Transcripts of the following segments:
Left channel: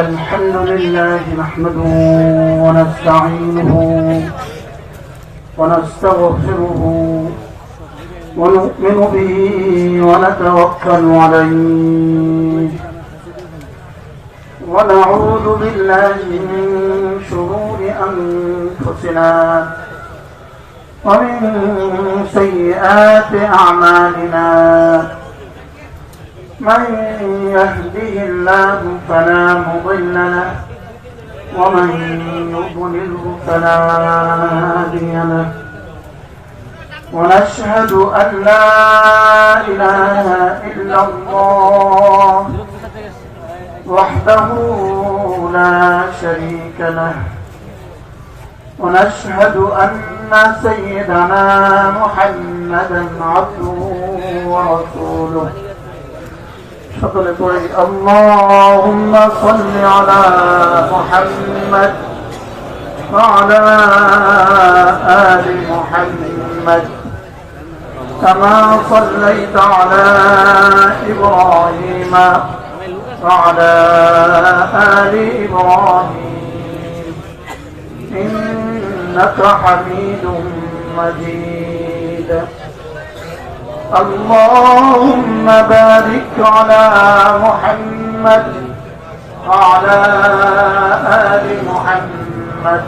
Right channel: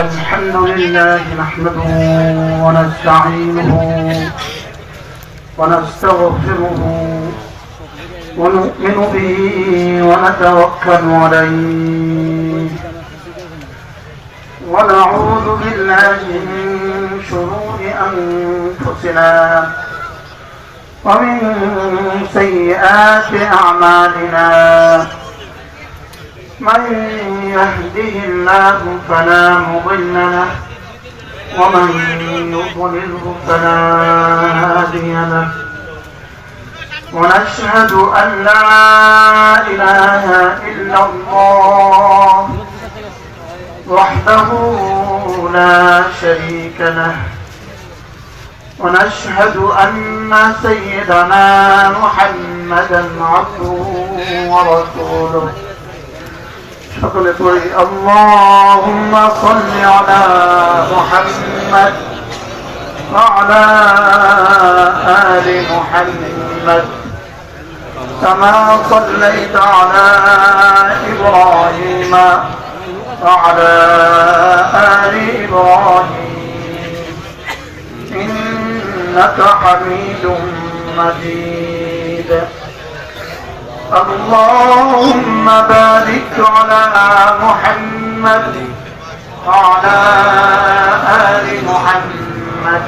الحمد لله نحمده ونستعينه ونستغفره ونؤمن به ونتوكل عليه ونعوذ بالله من شرور أنفسنا ومن سيئات أعمالنا من يهده الله فلا مضل له ومن يضلله فلا هادي له ونشهد أن لا إله إلا الله وحده لا شريك له ونشهد أن سيدنا محمدا عبده ورسوله فقل اللهم صل على محمد وعلى آل محمد كما صليت على إبراهيم وعلى آل إبراهيم إنك حميد مجيد اللهم بارك على محمد وعلى آل محمد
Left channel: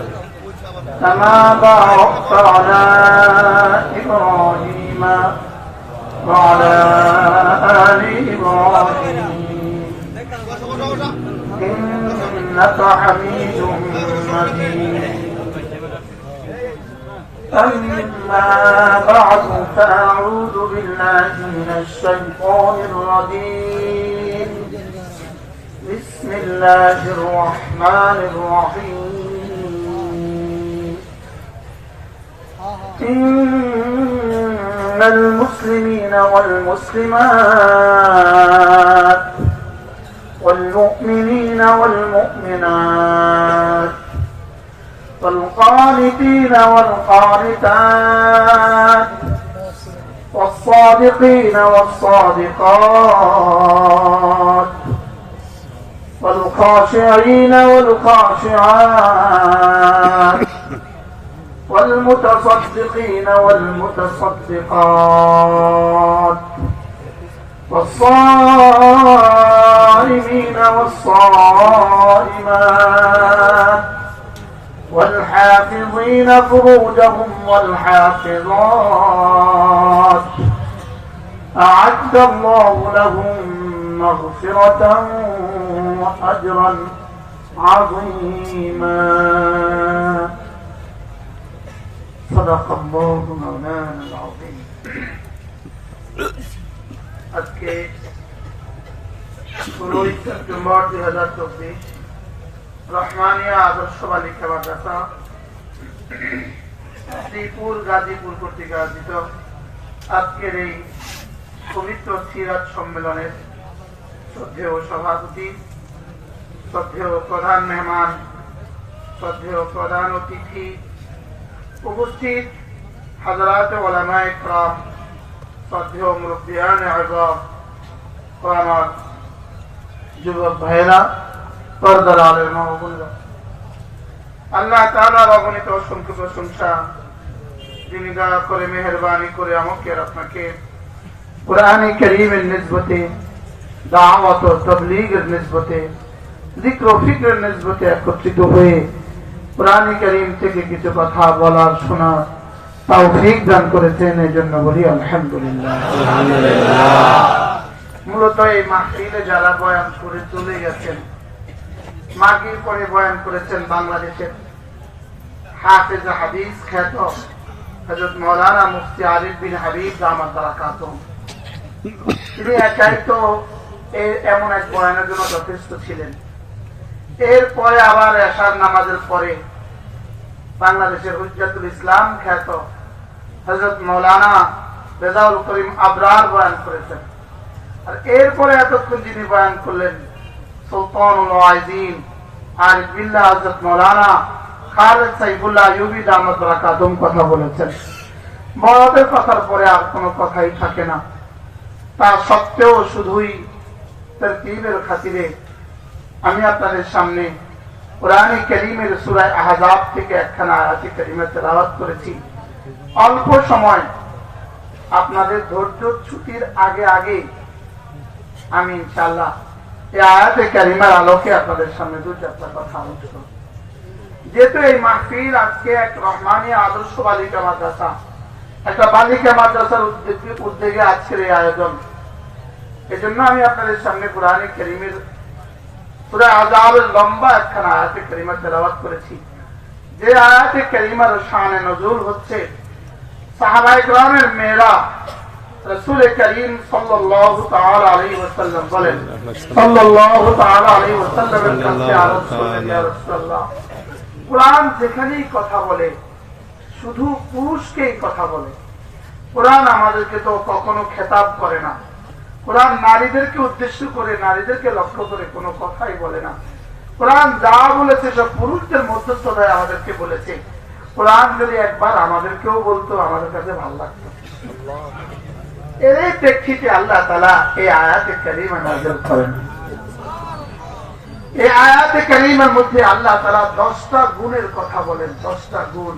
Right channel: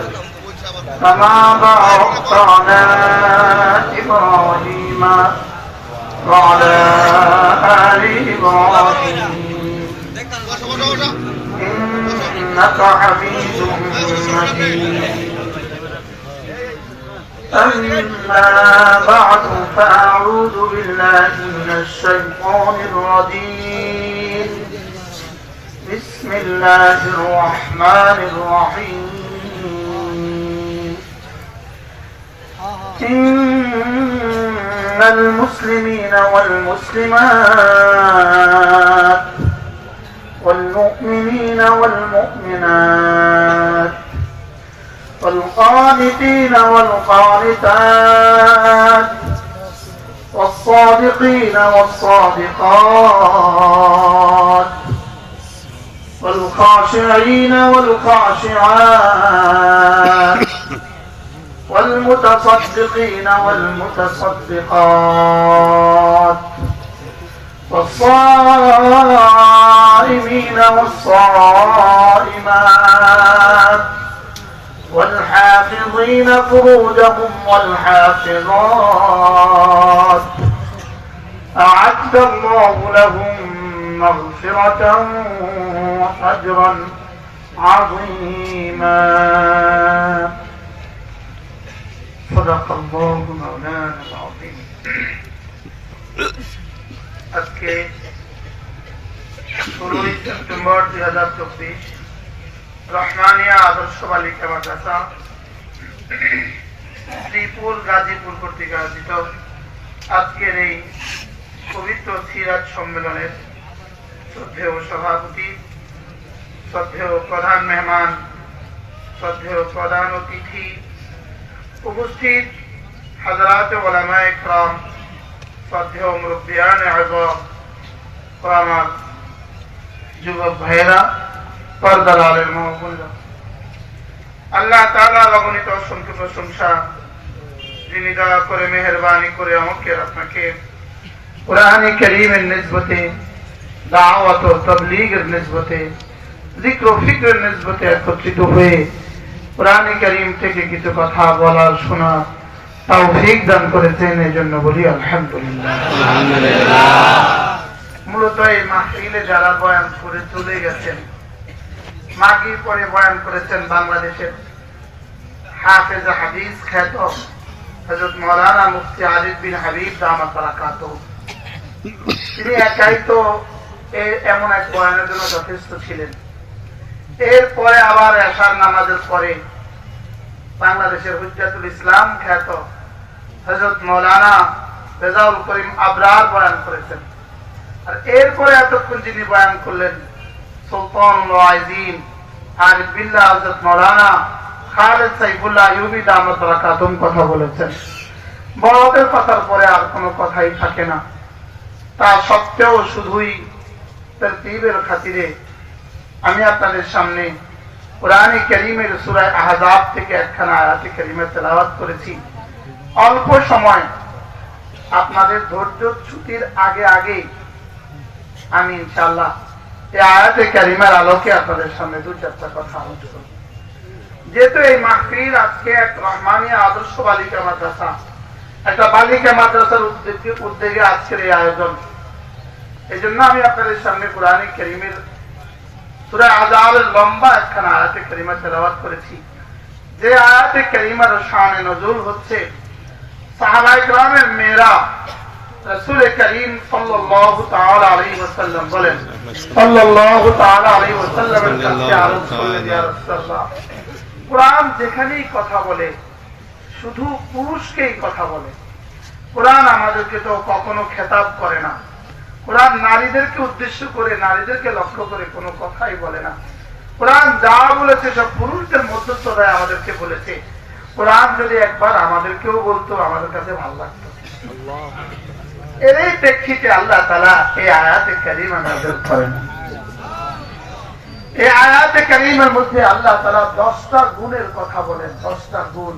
كما باركت على إبراهيم وعلى آل إبراهيم إنك حميد مجيد أما بعد فأعوذ بالله من الشيطان الرجيم بسم الله الرحمن الرحيم إن المسلمين والمسلمات والمؤمنين والمؤمنات والقانتين والقانتات والصادقين والصادقات والخاشعين والخاشعات والمتصدقين والمتصدقات والصائمين والصائمات والحافظين فروجهم والحافظات أعد الله لهم مغفرة وأجرا عظيما صدق الله مولانا العظيم আজকে 16 সেপ্টেম্বর 2024 রহমানিয়া আদর্শ বালিকা মাদ্রাসা শ্রীপুর গাজীপুর কর্তৃক আয়োজিত আজকের এই পবিত্র সিরাত সম্মেলনের শ্রদ্ধেয় সভাপতি, শ্রদ্ধেয় প্রধান মেহমান, শ্রদ্ধেয় প্রধান অতিথি, উপস্থিত হযরত উলামায়ে কেরাম, শ্রদ্ধেয় মুরব্বিয়ানে আযম ও আমার যুবক ভাইয়েরা, পর্দার আলেম ও বোনেরা, আল্লাহ তাআলার অগণিত অসংখ্য প্রশংসা, যিনি দয়া করে মেহেরবানি করে আমাকে আপনাকে কুরআনে কারীমের নিসবতে, দাওয়াত ও তাবলীগের নিসবতে, যিকর ও ফিকরের নিসবতে একত্রিত হয়ে কুরআনে কারীম থেকে কিছু কথা বলার শোনার তৌফিক দান করেছেন, এজন্য বলি আলহামদুলিল্লাহ। মূলত এই মাহফিলে যারা বয়ান করে চলে গেছেন, মাগরিব পরে বয়ান করেছেন বাংলাদেশের হাফেজ হাদিস খ্যাত হযরত মাওলানা মুফতি আরিফ বিন হাবিব দামাত বারাকাতুহু। তিনি একাই তো এমন এক বয়ানের জন্য যথেষ্ট ছিলেন। এরপরে আবার এশার নামাজের পরে বাংলাদেশের হুজ্জাতুল ইসলাম খ্যাত হযরত মাওলানা রেজাউল করিম আবরার বয়ান করেছেন। আর এরপরে এতক্ষণ যিনি বয়ান করলেন সুলতানুল ওয়াইজিন আরিফ বিল্লাহ হযরত মাওলানা খালেদ সাইফুল্লাহ আইয়ুবী দামাত বারাকাতুহু কথা বলেছেন। বড়দের কথার পরে আর কোনো কথাই থাকে না। তা সত্ত্বেও শুধুই তারতিবের খাতিরে আমি আপনাদের সামনে কোরআনে কারীমের সূরা আহজাব থেকে একখানা আয়াতে কারীমা তেলাওয়াত করেছি। অল্প সময় আপনাদের ধৈর্যচ্যুতির আগে আগে আমি ইনশাআল্লাহ এই আয়াতে কারীমার আলোকে আপনাদের সামনে দু চারটা কথা আলোচনা করব। যেহেতু এই মাহফিল আজকে এক রহমানিয়া আদর্শ বালিকা মাদ্রাসা, একটা বালিকা মাদ্রাসার উদ্যোগে আজকের এই আয়োজন, এই জন্য আমি আপনাদের সামনে কোরআনে কারীমের সূরা আহজাবের লম্বা একখানা আয়াতে কারীমা তেলাওয়াত করেছি। যে আয়াতে কারীমার শানে নজুল হচ্ছে সাহাবায়ে কেরামের মেয়েরা রাসূল করিম সাল্লাল্লাহু তাআলা আলাইহি ওয়াসাল্লাম বলেন, সাল্লাল্লাহু তাআলা আলাইহি ওয়াসাল্লামের কাছে আরজ করলেন, ইয়া রাসূলুল্লাহ, কোরআন যেখানেই কথা বলে শুধু পুরুষকেই কথা বলে। কোরআন আমাদেরকে তো কখনো খেতাব করে না। কোরআন নারীদেরকে উদ্দেশ্য করে, নারীদেরকে লক্ষ্য করে কোনো কথাই বলে না। কোরআন যা বলেছে সব পুরুষদের মধ্যস্থতায় আমাদেরকে বলেছে। কোরআন যদি একবার আমাদেরকেও বলতো আমাদের কাছে ভালো লাগতো। এর এই প্রেক্ষিতে আল্লাহ তাআলা এই আয়াতে কারীমা নাযিল করেন। এই আয়াতে কারীমার মধ্যে আল্লাহ তাআলা 10টা গুণের কথা বলেন। 10টা গুণ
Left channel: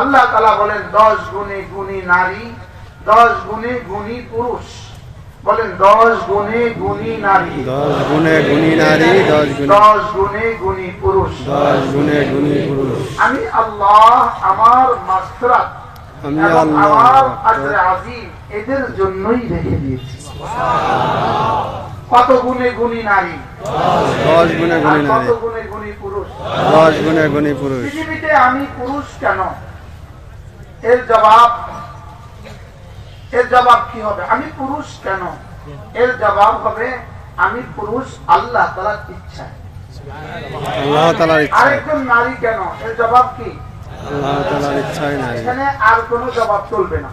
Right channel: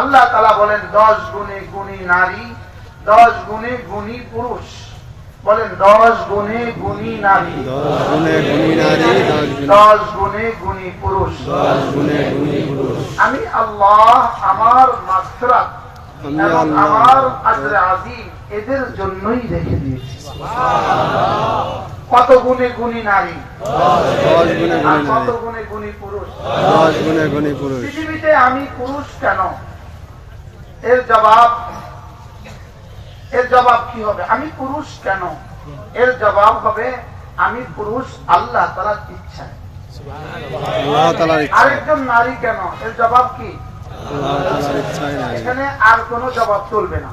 আল্লাহ তাআলা বলেন, 10 গুণে গুণী নারী, 10 গুণে গুণী পুরুষ। বলেন 10 গুণে গুণী নারী, 10 গুণে গুণী নারী, 10 গুণে গুণী পুরুষ, 10 গুণে গুণী পুরুষ। আমি আল্লাহ আমার মাগফিরাত এবং আমার আজরে আজিম এদের জন্যই রেখে দিয়েছি। কত গুণে গুণী নারী, 10 গুণে গুণী নারী, কত গুণে গুণী পুরুষ, 10 গুণে গুণী পুরুষ। পৃথিবীতে আমি পুরুষ কেন? এর জবাব কি হবে? আমি পুরুষ কেন? এর জবাব হবে আমি পুরুষ আল্লাহ তাআলার ইচ্ছা। আল্লাহ তাআলার ইচ্ছা। আরেকজন নারী কেন? এর জবাব কি? আল্লাহ তাআলার ইচ্ছাই নাই। এখানে আর কোনো জবাব চলবে না।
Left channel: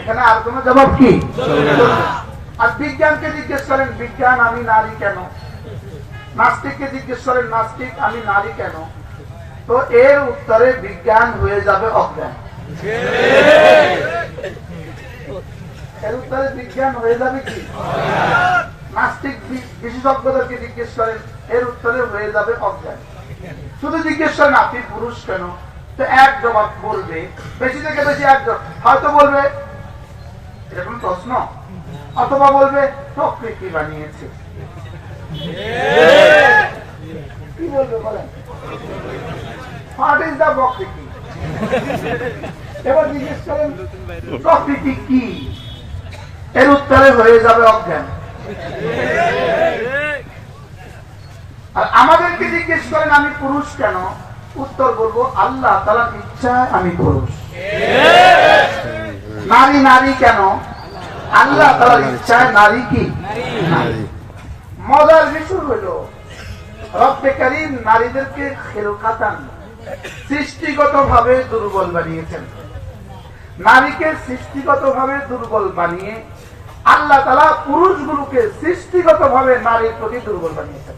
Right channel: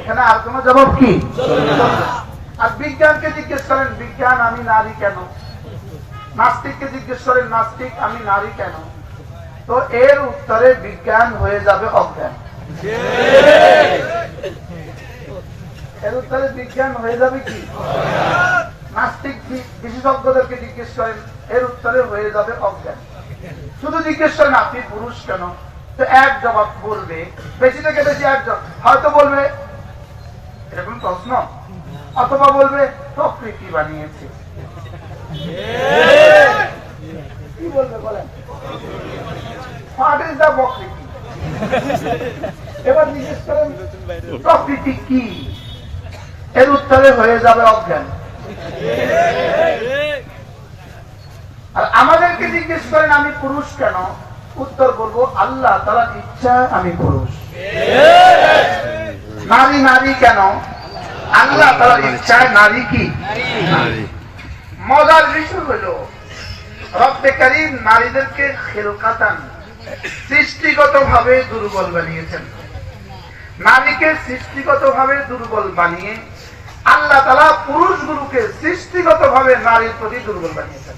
এখানে আর কোনো জবাব কি চলবে না। আর বিজ্ঞানকে জিজ্ঞেস করেন, বিজ্ঞান আমি নারী কেন? নাস্তিককে জিজ্ঞেস করেন, নাস্তিক আমি নারী কেন? তো এর উত্তরে বিজ্ঞান হয়ে যাবে অজ্ঞান। এর উত্তরে বিজ্ঞান হয়ে যাবে কি? নাস্তিক বিশেষজ্ঞদেরকে জিজ্ঞেস করেন, এর উত্তরে হয়ে যাবে অজ্ঞান। শুধু জিজ্ঞেস করেন আপনি পুরুষ কেন, তো এক জবাব বলবে, বেশি থেকে বেশি এক জবাব। হয়তো বলবে এরকম প্রশ্ন, অথবা বলবে প্রকৃতি বানিয়েছে। কি বলবে বলেন? হোয়াট ইজ দ্য প্রকৃতি? এবার জিজ্ঞেস করেন প্রকৃতি কি, এর উত্তরে হয়ে যাবে অজ্ঞান। আর আমাদেরকে জিজ্ঞেস করেন আমি পুরুষ কেন, উত্তর বলবো আল্লাহ তাআলার ইচ্ছা আমি পুরুষ। নারী নারী কেন? আল্লাহ তাআলার ইচ্ছায় নারী কি? নারী। মজার বিষয় হলো রব্বে কারীম নারীদেরকে খিলকাতান সৃষ্টিগতভাবে দুর্বল বানিয়েছেন। নারীকে সৃষ্টিগতভাবে দুর্বল বানিয়ে আল্লাহ তাআলা পুরুষগুলোকে সৃষ্টিগতভাবে নারীর প্রতি দুর্বল বানিয়েছেন।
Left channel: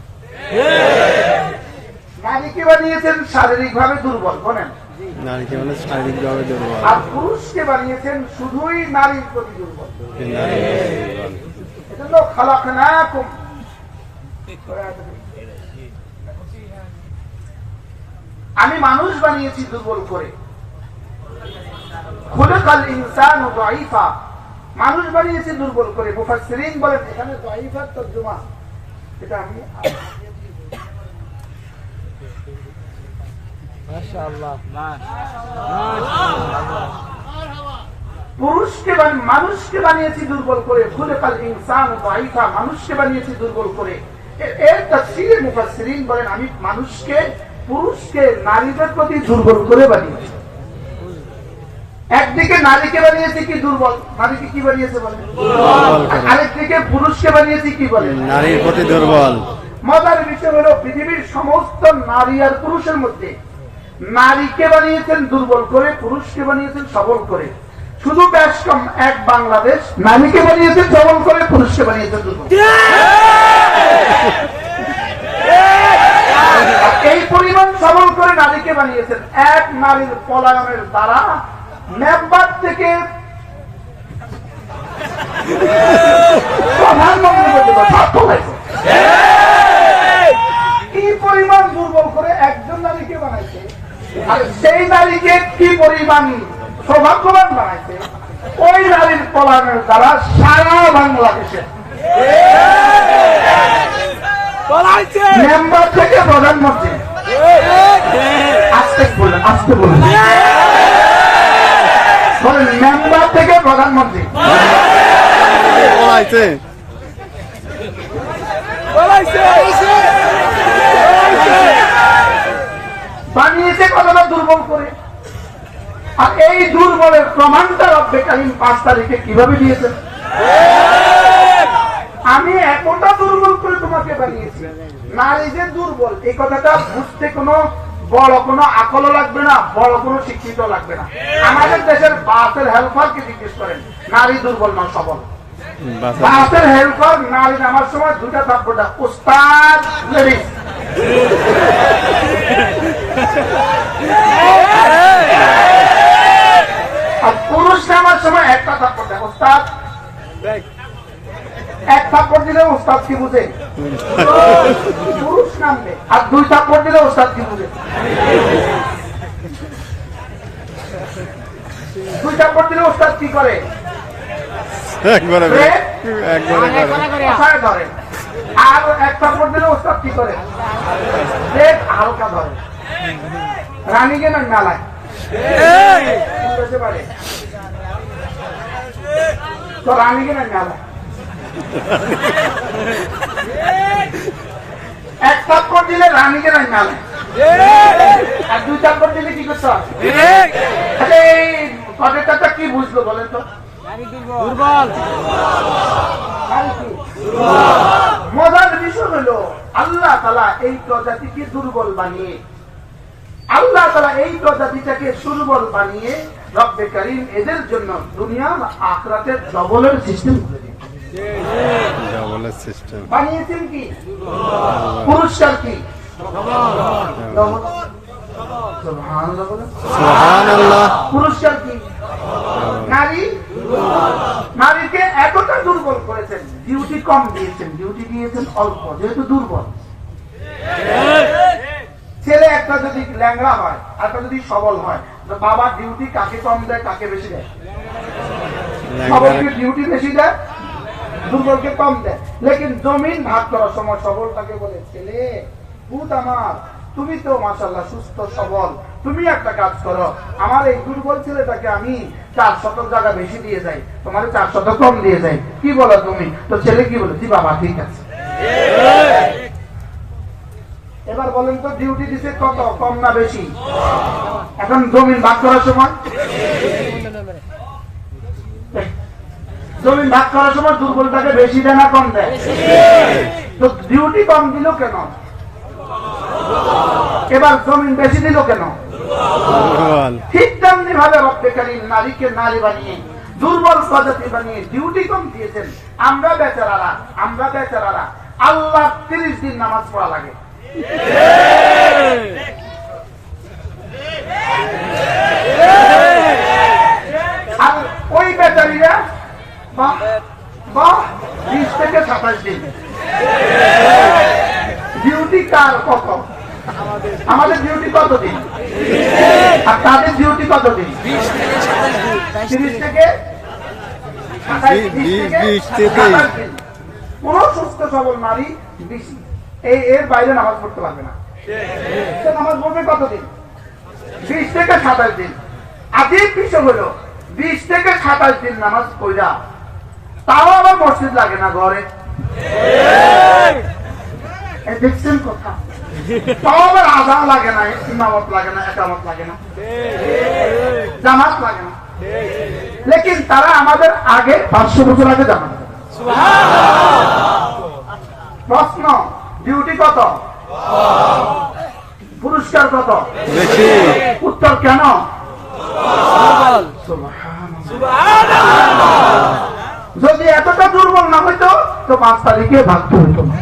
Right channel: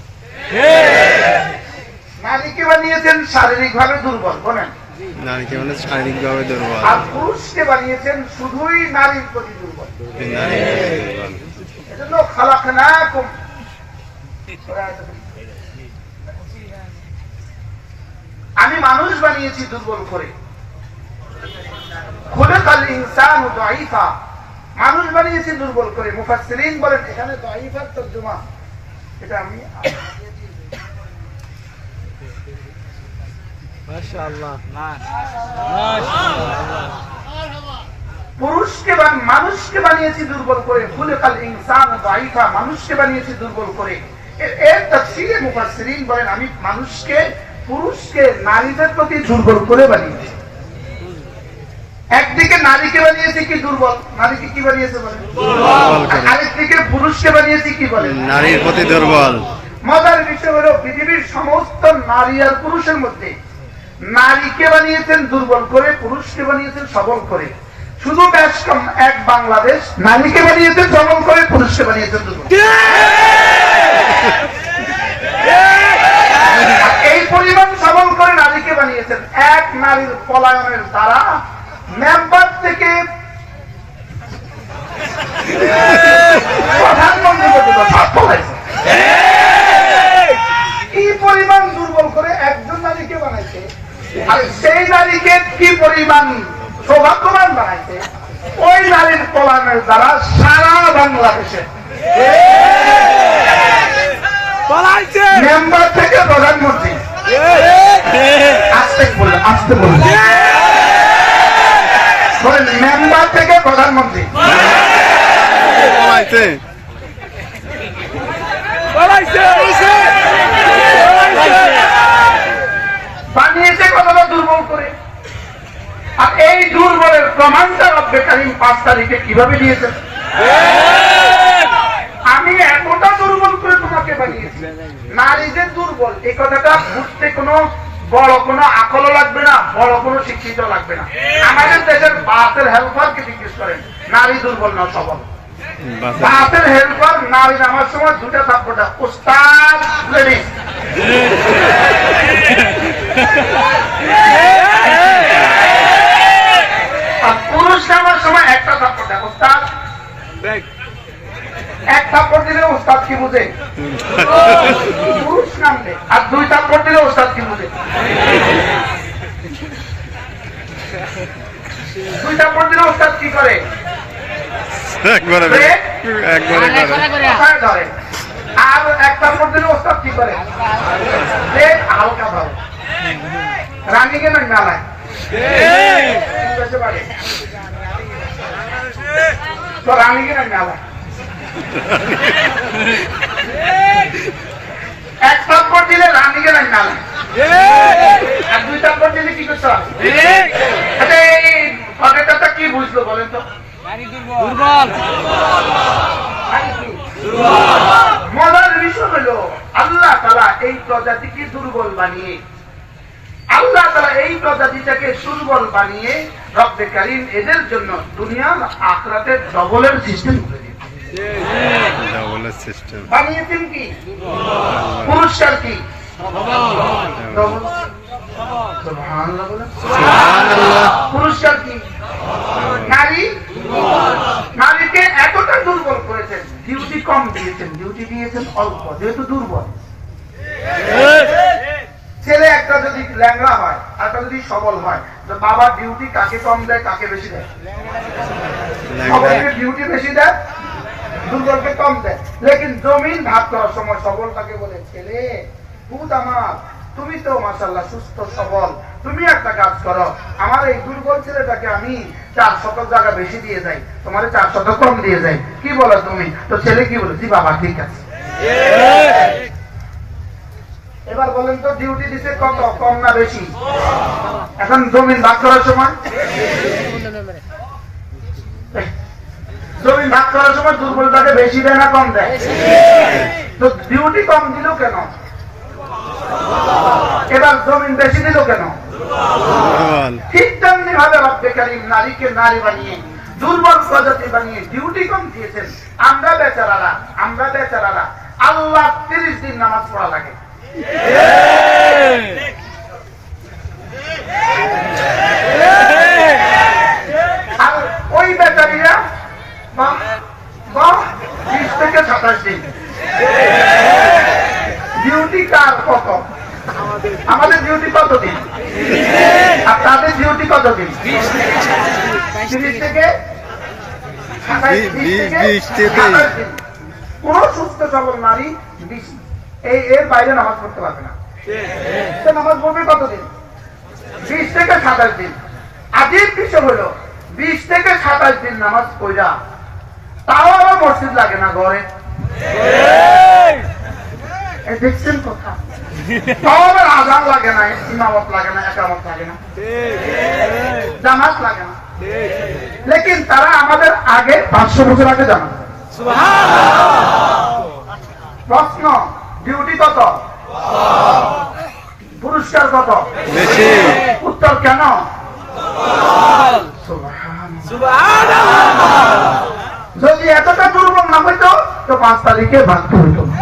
নারীকে বানিয়েছেন শারীরিকভাবে দুর্বল, বলেন নারীকে মানে শারীরিকভাবে দুর্বল, আর পুরুষকে বানিয়েছেন শুধুই নারীর প্রতি দুর্বল। এজন্য খালাকনাকুম, আমি মানুষ বানিয়েছি দুর্বল করে। খুলিকাল ইনসানু দাঈফা, মানুষ বানিয়েছি দুর্বল করে। মুফাসসিরিন বলেন এখানে দাঈফার তরজমা এটা আমি মাশাআল্লাহ পুরুষকে মানুষকে বানিয়েছি দুর্বল করে। খুলিকাল ইনসানু দাঈফা, মানুষকে বানিয়েছি দুর্বল করে। এর তাফসীরে মুফাসসিরিন বলেন আমি মানুষকে, পুরুষকে নারীদের প্রতি দুর্বল করে বানিয়েছি। একদিকে নারীকে বানিয়েছে কি দুর্বল, নারীকে কি বানিয়েছে বলেন দুর্বল, আরেকদিকে পুরুষকে বানিয়েছে কি বলেন নারীর প্রতি দুর্বল। মজার বিষয় হলো পৃথিবীর সমস্ত নারী আর পুরুষের মধ্যে নারীকে বানিয়েছেন দুর্বল করে, পুরুষকে বানিয়েছেন সবল করে। শুধু বেশ কম এক বাংলাদেশ নারীকে বানিয়েছেন সবল করে, পুরুষকে বানিয়েছেন দুর্বল। এই পরিমাণ সবল করে নারীকে বানিয়েছেন, এক নারীর পলায়নের দ্বারা মেম্বার থেকে প্রধানমন্ত্রী পর্যন্ত সব পলাইছে। আর সেই নারীকে কি পরিমাণ সৌভাগ্যবান বানাইছে, ওই নারীর কল্যাণের দ্বারা সারা বাংলাদেশে মেম্বার থেকে প্রধানমন্ত্রী, আসতে বললেন মেম্বার থেকে প্রধানমন্ত্রী বানিয়েছে কতটা দুর্বল করে। আর এই দুর্বলের প্রমাণটা রব্বে কারীম 5 তারিখে কিভাবে দিয়েছেন? আমি এতটা দুর্বল করে তোমাকে বানিয়েছি। নারী যে দুর্বল এই কথাটা বুঝতে কোনো বড় কোনো আকল লাগবে না, বড় কোনো শিক্ষিত লাগবে না। আমাদের দেশের বাসের হেল্পারকে জিজ্ঞেস করেন, নারী দুর্বল না সবল? বাসের হেল্পার নারী নামার সময় 2টা থাপ্পড়, উস্তাদ লেডিস। আর পুরুষ নামার সময় 1টা থাপ্পড়, উস্তাদ। 1 থাপ্পড় দিলে উস্তাদ কি বুঝে? পুরুষ নামবে। আর 2 থাপ্পড় দিলে উস্তাদ কি বুঝে? 2 থাপ্পড় দিলে উস্তাদ কি করে? একবারে ধরে। আর 1 থাপ্পড় দিলে উস্তাদ কি করে? হালকা ধরে। রানীকে না নালায় তো রানীকে না নালায়। 1 থাপ্পড় দিলে রানীকে না নালায়, আর 2 থাপ্পড় দিলে কি করতে হবে? আচ্ছা কি বুঝলো বলেন তো? মজার বিষয় হলো আল্লাহ তাআলা এই প্রজাতিকে দুর্বল বানিয়ে, আল্লাহ তাআলা এই প্রজাতিটাকে দুর্বল বানিয়ে রব্বে কারীম এদের জন্য দুনিয়া আখিরাতের ডবলের সিস্টেম করে দিয়েছেন। বানিয়েছেন কি? পুরস্কার কি? সুবহানাল্লাহ। পুরস্কার কি? নারীকে এতটা দুর্বল করেছেন, ডিউটি কম দিয়েছেন, ডিউটি দিয়েছেন অল্প, যেহেতু দুর্বল। ছেলে একটা যদি ল্যাংড়া হয়, একটা যদি সবল হয়, তো বাবা ডিউটি কাকে কম দেয়, কাকে বেশি দেয়? সবলকে ডিউটি বেশি দেয়, দুর্বলকে কম দেয়। লেকিন জমিন ভাগ করার সময় সবলটাকে বলে, ছেলে পুত আমার, তুমি তো মাশাআল্লাহ সুস্থ সবল, তুমি একটা কাজ করো, আমার এই দুর্বল ছেলেটাকে আমি 4 শতক জায়গা বেশি দিয়ে যাই, তোমার 4 শতক কম দিয়ে যাই, কি বলো তুমি? তো ছেলে কি বলে, বাবা ঠিক আছে। এবার বলেন তো ডিউটি দিছে কত, কম না বেশি? এখন জমিন ভাগ করার সময়, জমিন ভাগ করার সময় দুর্বলটাকে বেশি দেয় না কম দেয়? তো ডিউটি কম দিল কেন? এবার জমিন বেশি দিল কেন? ঠিক তেমনি ভাবে রব্বে কারীম নারীকে নারী বানিয়ে, দুর্বল প্রজাতি বানিয়ে ডিউটি কম দিয়েছেন। আমরা বেচারারা আল্লাহ 30 দিন নামাজ পড়া লাগে। আর ওই বেচারীরা 20 থেকে 27 দিন। ডিউটি কার কত? আমাদের ডিউটি কত দিন? আর তাদের ডিউটি কত দিন? 30 থেকে 27 দিন। কোন সুস্থ সবল নারী এর বাইরে নামাজ পড়তে পারবে না। নামাজ পড়বে কতদিন? 20 থেকে 27 দিন। আজের বিষয় হলো 20 থেকে 27 দিন নামাজ পড়া, তাও আবার মসজিদ লাগে না ঘরে। দেখছেন কথা? তাও আবার আযান লাগে না, ইমামত লাগে না, ইকামত লাগে না, জামাত লাগে না। লেকিন তারা আমাদের আগে 500 বছর আগে জামাত। প্রশ্ন, ডিউটি কত? পুরস্কার কত? বেশি। উত্তর কেন? যদি এতটা দুর্বল না হইতো তো 5 তারিখে ভাগতে হইতো না।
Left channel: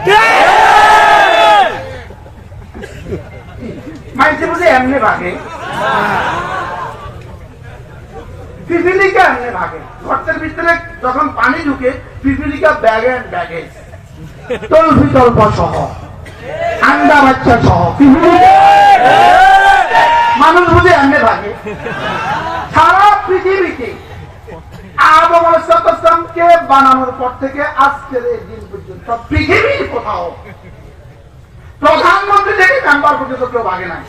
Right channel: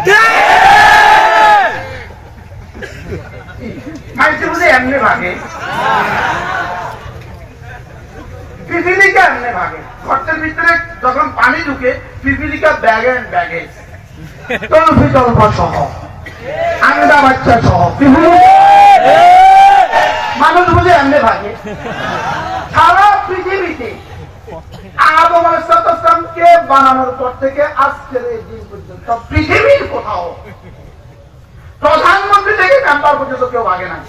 মাইসে বুঝে এমনি ভাগে, পিপিলিকা এমনি ভাগে। গর্তের ভিতরে যখন পানি ঢুকে পিপিলিকা ব্যাগে ব্যাগে তল্প সহ, আন্ডা বাচ্চা সহ মানুষ এমনি ভাগে। সারা পৃথিবীতে আদম আলাইহিসসালামকে বানানোর পর থেকে আজকের এই দিন পর্যন্ত পৃথিবীর কোথাও প্রধানমন্ত্রী থেকে মেম্বার পর্যন্ত কেউ ভাগে নাই।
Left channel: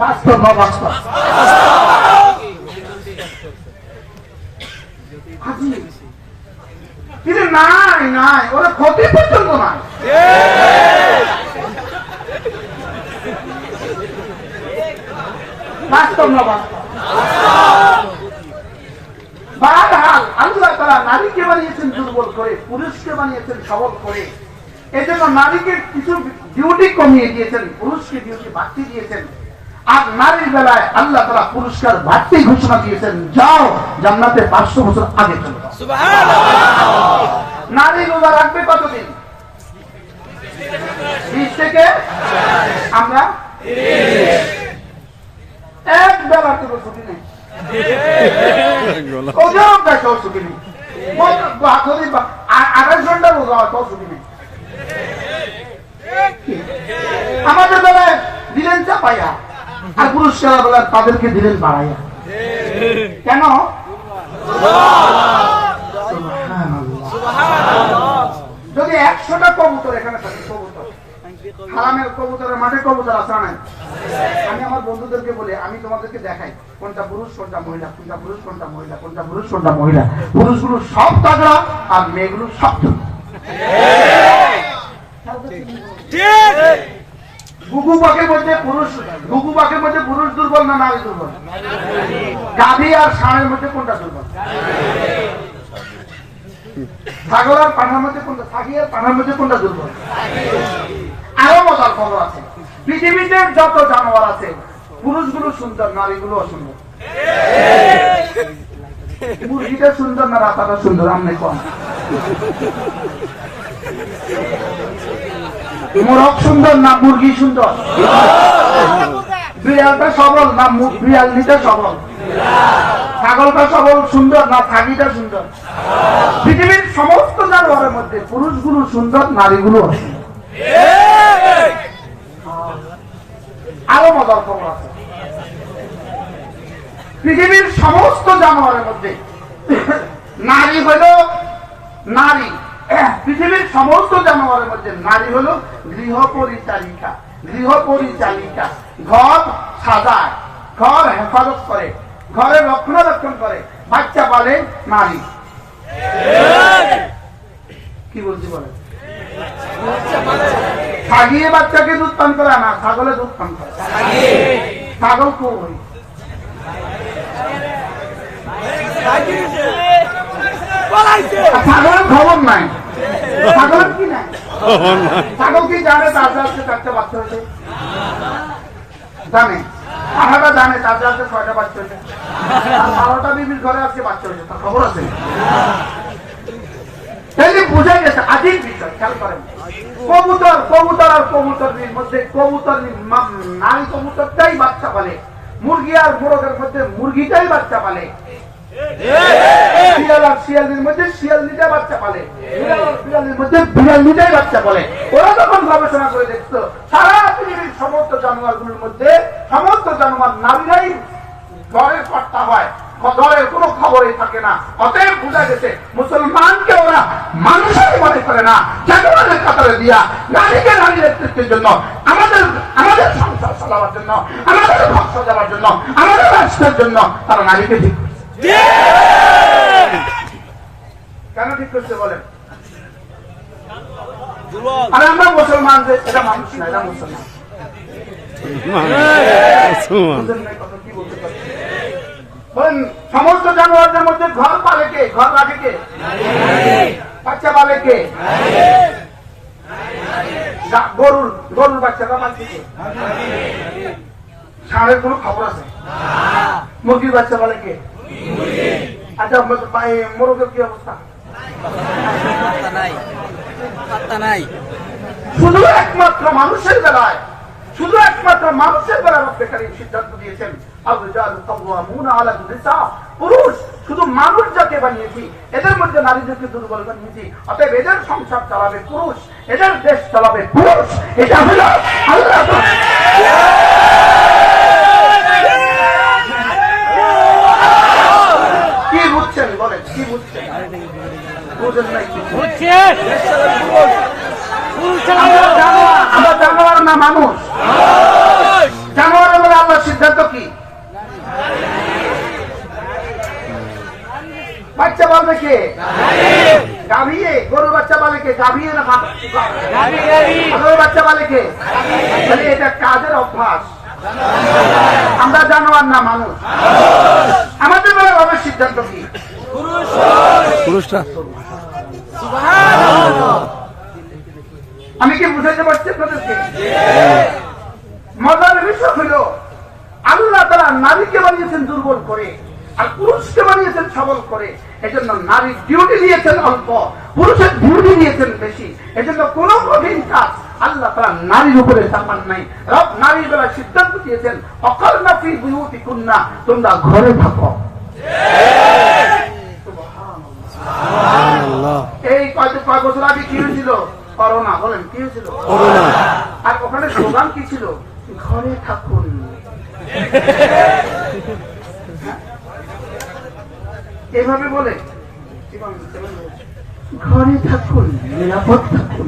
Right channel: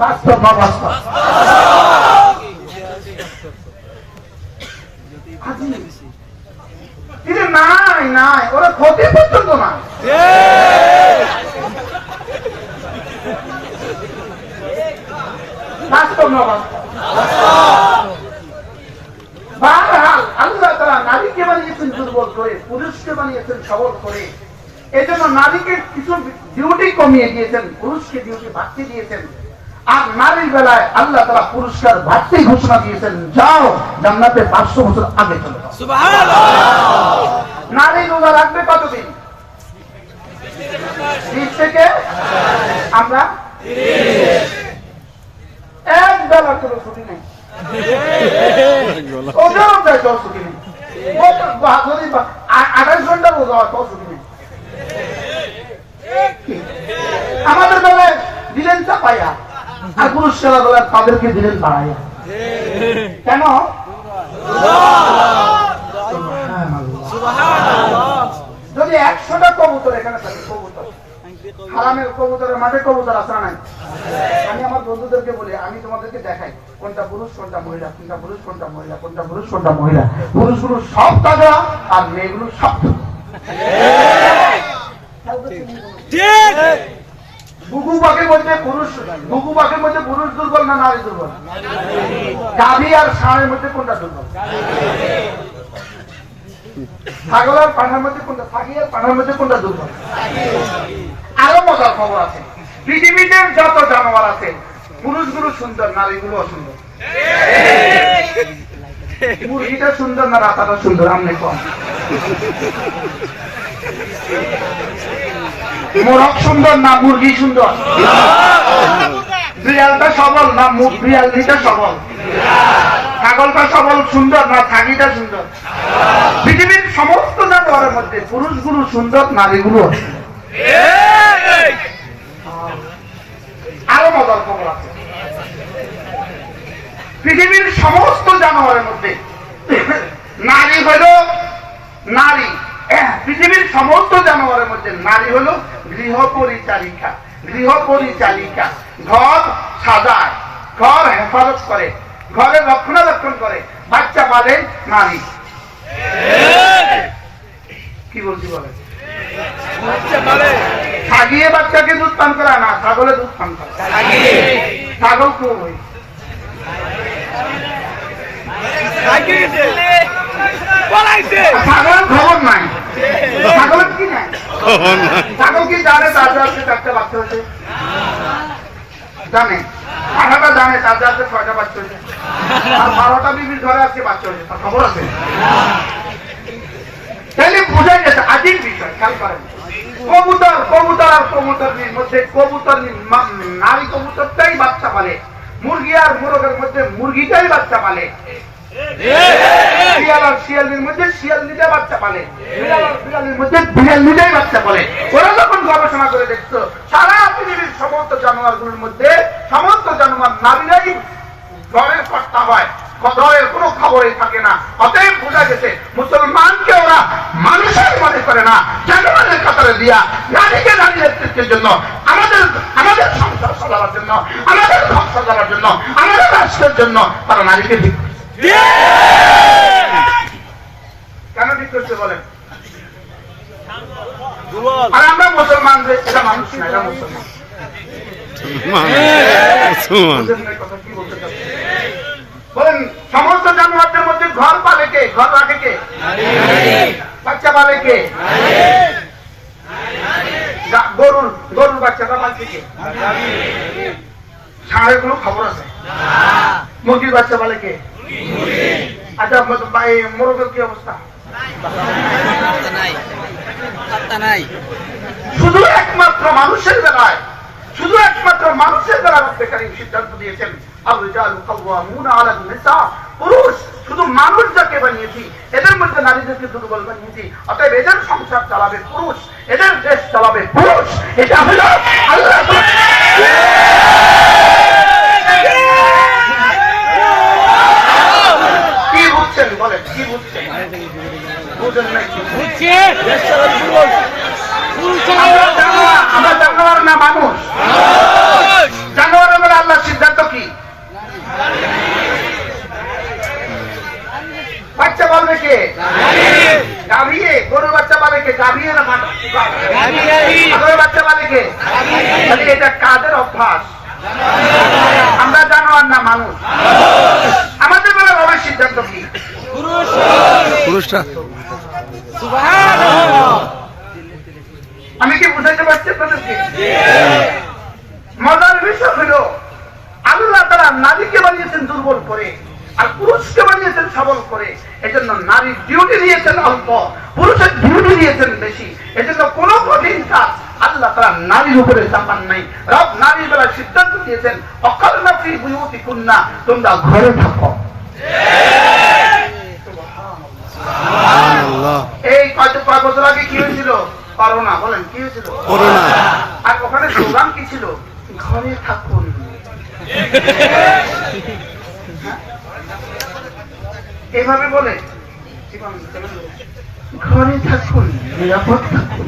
বাস্তব বা বাস্তব কিন্তু নাই নাই ওরা ক্ষতি পর্যন্ত না। বাস্তব না বাস্তব। বারহাল আল্লাহ তাআলা নারীকে বানিয়েছেন দুর্বল করে, পুরুষকে বানিয়েছেন সবল করে। এজন্য নারীকে কিছু ডিউটি কমিয়ে দিয়েছেন, পুরুষকে ডিউটি বাড়তি দিয়েছেন। আর নারীর বেলায় আল্লাহ তাআলা পুরস্কার বাড়তি ঘোষণা দিয়েছেন, যাও জান্নাতে 500 বছর আগে চলে যাও। সুবহানাল্লাহ। নারী রোজা রাখবে কতদিন? 20 থেকে আমরা এক বেলা কোনো ছুটি নেই। ওদেরও তাই কেউ ছুটি নেই। 28 ঘন্টা রোজা হয়, কেউ ছুটি নেই। আমাদের বেলায় দিলেন চাপাইয়া, আর পুরস্কার বেলায় তাদেরকে দিলেন বাড়াইয়া। কেন? যদি 100টা কবুতর এখানে থাকে, কবুতর হারামের কবুতরের মাঠে কবুতর আছে নাই? আমি আমার বন্ধুদেরকে বলি, আমি তোমাদেরকে দেখাই কোনটা পুরুষ কোনটা মহিলা, কোনটা পুরুষ কোনটা মহিলা, কোনটা পুরুষ কোনটা মহিলা। পুরুষগুলো সব তাগড়া আর মেয়েগুলো সব বুকু পাখির মধ্যে পুরুষ, বুকু পাখির মধ্যে পুরুষ দুর্বল না নারী দুর্বল? গাভী আর ষাঁড়ের মধ্যে কোনটা দুর্বল? ছাগল আর পাঠার মধ্যে কোনটা, ছাগি আর পাঠার মধ্যে কোনটা দুর্বল? আরো মজার খবর আছে, পৃথিবীতে যত জানোয়ার আছে পুরুষগুলো সুন্দর, নারীগুলো অসুন্দর। মুরগিটা সুন্দর না রাতাটা সুন্দর? আমনে কম। মোরগ সুন্দর না মুরগি সুন্দর? বিড়ালটা সবল না বিড়ালটা সবল? ছাগলটা সবল সুন্দর না ছাগিটা সুন্দর? পৃথিবীর সমস্ত জানোয়ারের মধ্যে পুরুষগুলো সুন্দর, নারীগুলো আরো মজার খবর আছে, পৃথিবীর সমস্ত জানোয়ারের মধ্যে নারী হলো নারী, পৃথিবীর সমস্ত জানোয়ারের মধ্যে নারী হলো গৃহপরিচারিকা। গৃহপরিচারিকা ঘর সাজায়, ঘর হেফাজত করে, ঘরে রক্ষণাবেক্ষণ করে, বাচ্চা পালে নারী। কি বলছি বলে? ছাগিয়ে বাচ্চাকে দুধ পান করে না, ছাগলে দুধ পান করে। ছাগল কই? ছাগল খবর নাই, ছাগলের কি নাই? ছাগল কি জানে তার আজকে 4টা বাচ্চা হয়েছে? জানে? পাঠাটা জানে তার আজকে 6টা বাচ্চা হয়েছে? আর 12টা বিবির ঘরে আজকে বাচ্চা হয়েছে, তার খবর আছে? তাহলে বোঝাই গেছে আজিব বিষয়। খেয়াল করেন, কবুতর কবুতর আর কবুতরের মধ্যে কবুতর নারী কবুতরটাই বাচ্চা পালে, মুরগি আর মোরগের মধ্যে মুরগিটাই বাচ্চা পালে, শিয়াল আর শিয়ালির মধ্যে শিয়ালিটাই বাচ্চা পালে, বিড়াল আর বিড়ালির মধ্যে বিড়ালিটাই বাচ্চা পালে। ওরা যখন গবেষণা করে দেখতো সারা পৃথিবীর সমস্ত জানোয়ারগুলোর মধ্যে সমস্ত জানোয়ার নারীরাই ঘরের কর্তা হয়, ঘরের কোনো খবরই থাকে না। অতএব বোঝা গেছে মুসলমানকে ওরা মানুষের মনে করে না, জানোয়ারের কাতারে দিয়া নারীকে নারী নেতৃত্বের জন্য, আমাদের আমাদের সংসার চালাবার জন্য, আমাদের ঘর সাজাবার জন্য, আমাদের রাষ্ট্রের জন্য তারা নারীকে ঠিক কেন ঠিক করছে বলেন? আর আমরা মুসলমান যে এটা মানুষ না, এটা মুসলমান। বলেন সমস্ত জানোয়ারদের মধ্যে ঘর পালে কে? ঘর রাখে কে? বাচ্চা পালে কে? গরুর গরুর বাচ্চাটা পালছে কে? ষাঁড়ের কোনো খবর আছে? মুরগির বাচ্চা পালে কে? আচ্ছা মোরগের কি অবস্থা? শুধু একমাত্র মানুষের বেলায়, শুধু একমাত্র মানুষের বেলায় রব্বে কারীম সিদ্ধান্ত দিয়েছেন আর-রিজালু কাওয়ামুনা আলা নিসা, পুরুষ শুধু মানুষ যাকে বানিয়েছি এদের মধ্যে নারীদেরকে দুর্বল বানিয়েছি, অতএব এদের সংসার চালাবে পুরুষ, এদের দেশ চালাবে পুরুষ। এটা হলো আল্লাহ আমরা জানোয়ার না মানুষ? জানোয়ার হলে আল্লাহর সিদ্ধান্ত কি? বাচ্চা বলবে কে? গাভিয়ে। গরুর বাচ্চা বলে কে? গাভিয়ে না গরুর বাচ্চা বলে কে? তাহলে এটা কাজের অভ্যাস। আমরা জানোয়ার না মানুষ? আমাদের বেলা রবের সিদ্ধান্ত কি? পুরুষরা আমি কি বুঝাইতে পারছি আপনাদেরকে? মজার বিষয় হইল আল্লাহ তাআলা নারীকে বানিয়েছেন দুর্বল করে আর পুরুষকে বানিয়েছেন সবল করে। এজন্য নারীর ডিউটি দিয়েছেন অল্প, পুরুষের ডিউটি দিয়েছেন বেশি। এজন্য কোন কঠিন কাজ আল্লাহ তাআলা নারীর উপরে চাপান নাই। রব নারীর বেলা সিদ্ধান্ত দিয়েছেন অকালনা ফি বুয়ুতিকুন্না, তোমরা ঘরে থাকো। সুবহানাল্লাহ। এই কয়েক বছর আগে কি হয়েছিল? করোনা। বলেন কি হয়েছিল? করোনা। আর ওখানে স্লোগান কি ছিল? ঘরে থাকুন। এইভাবে বলে ঘরে থাকুন, নিরাপদ থাকুন।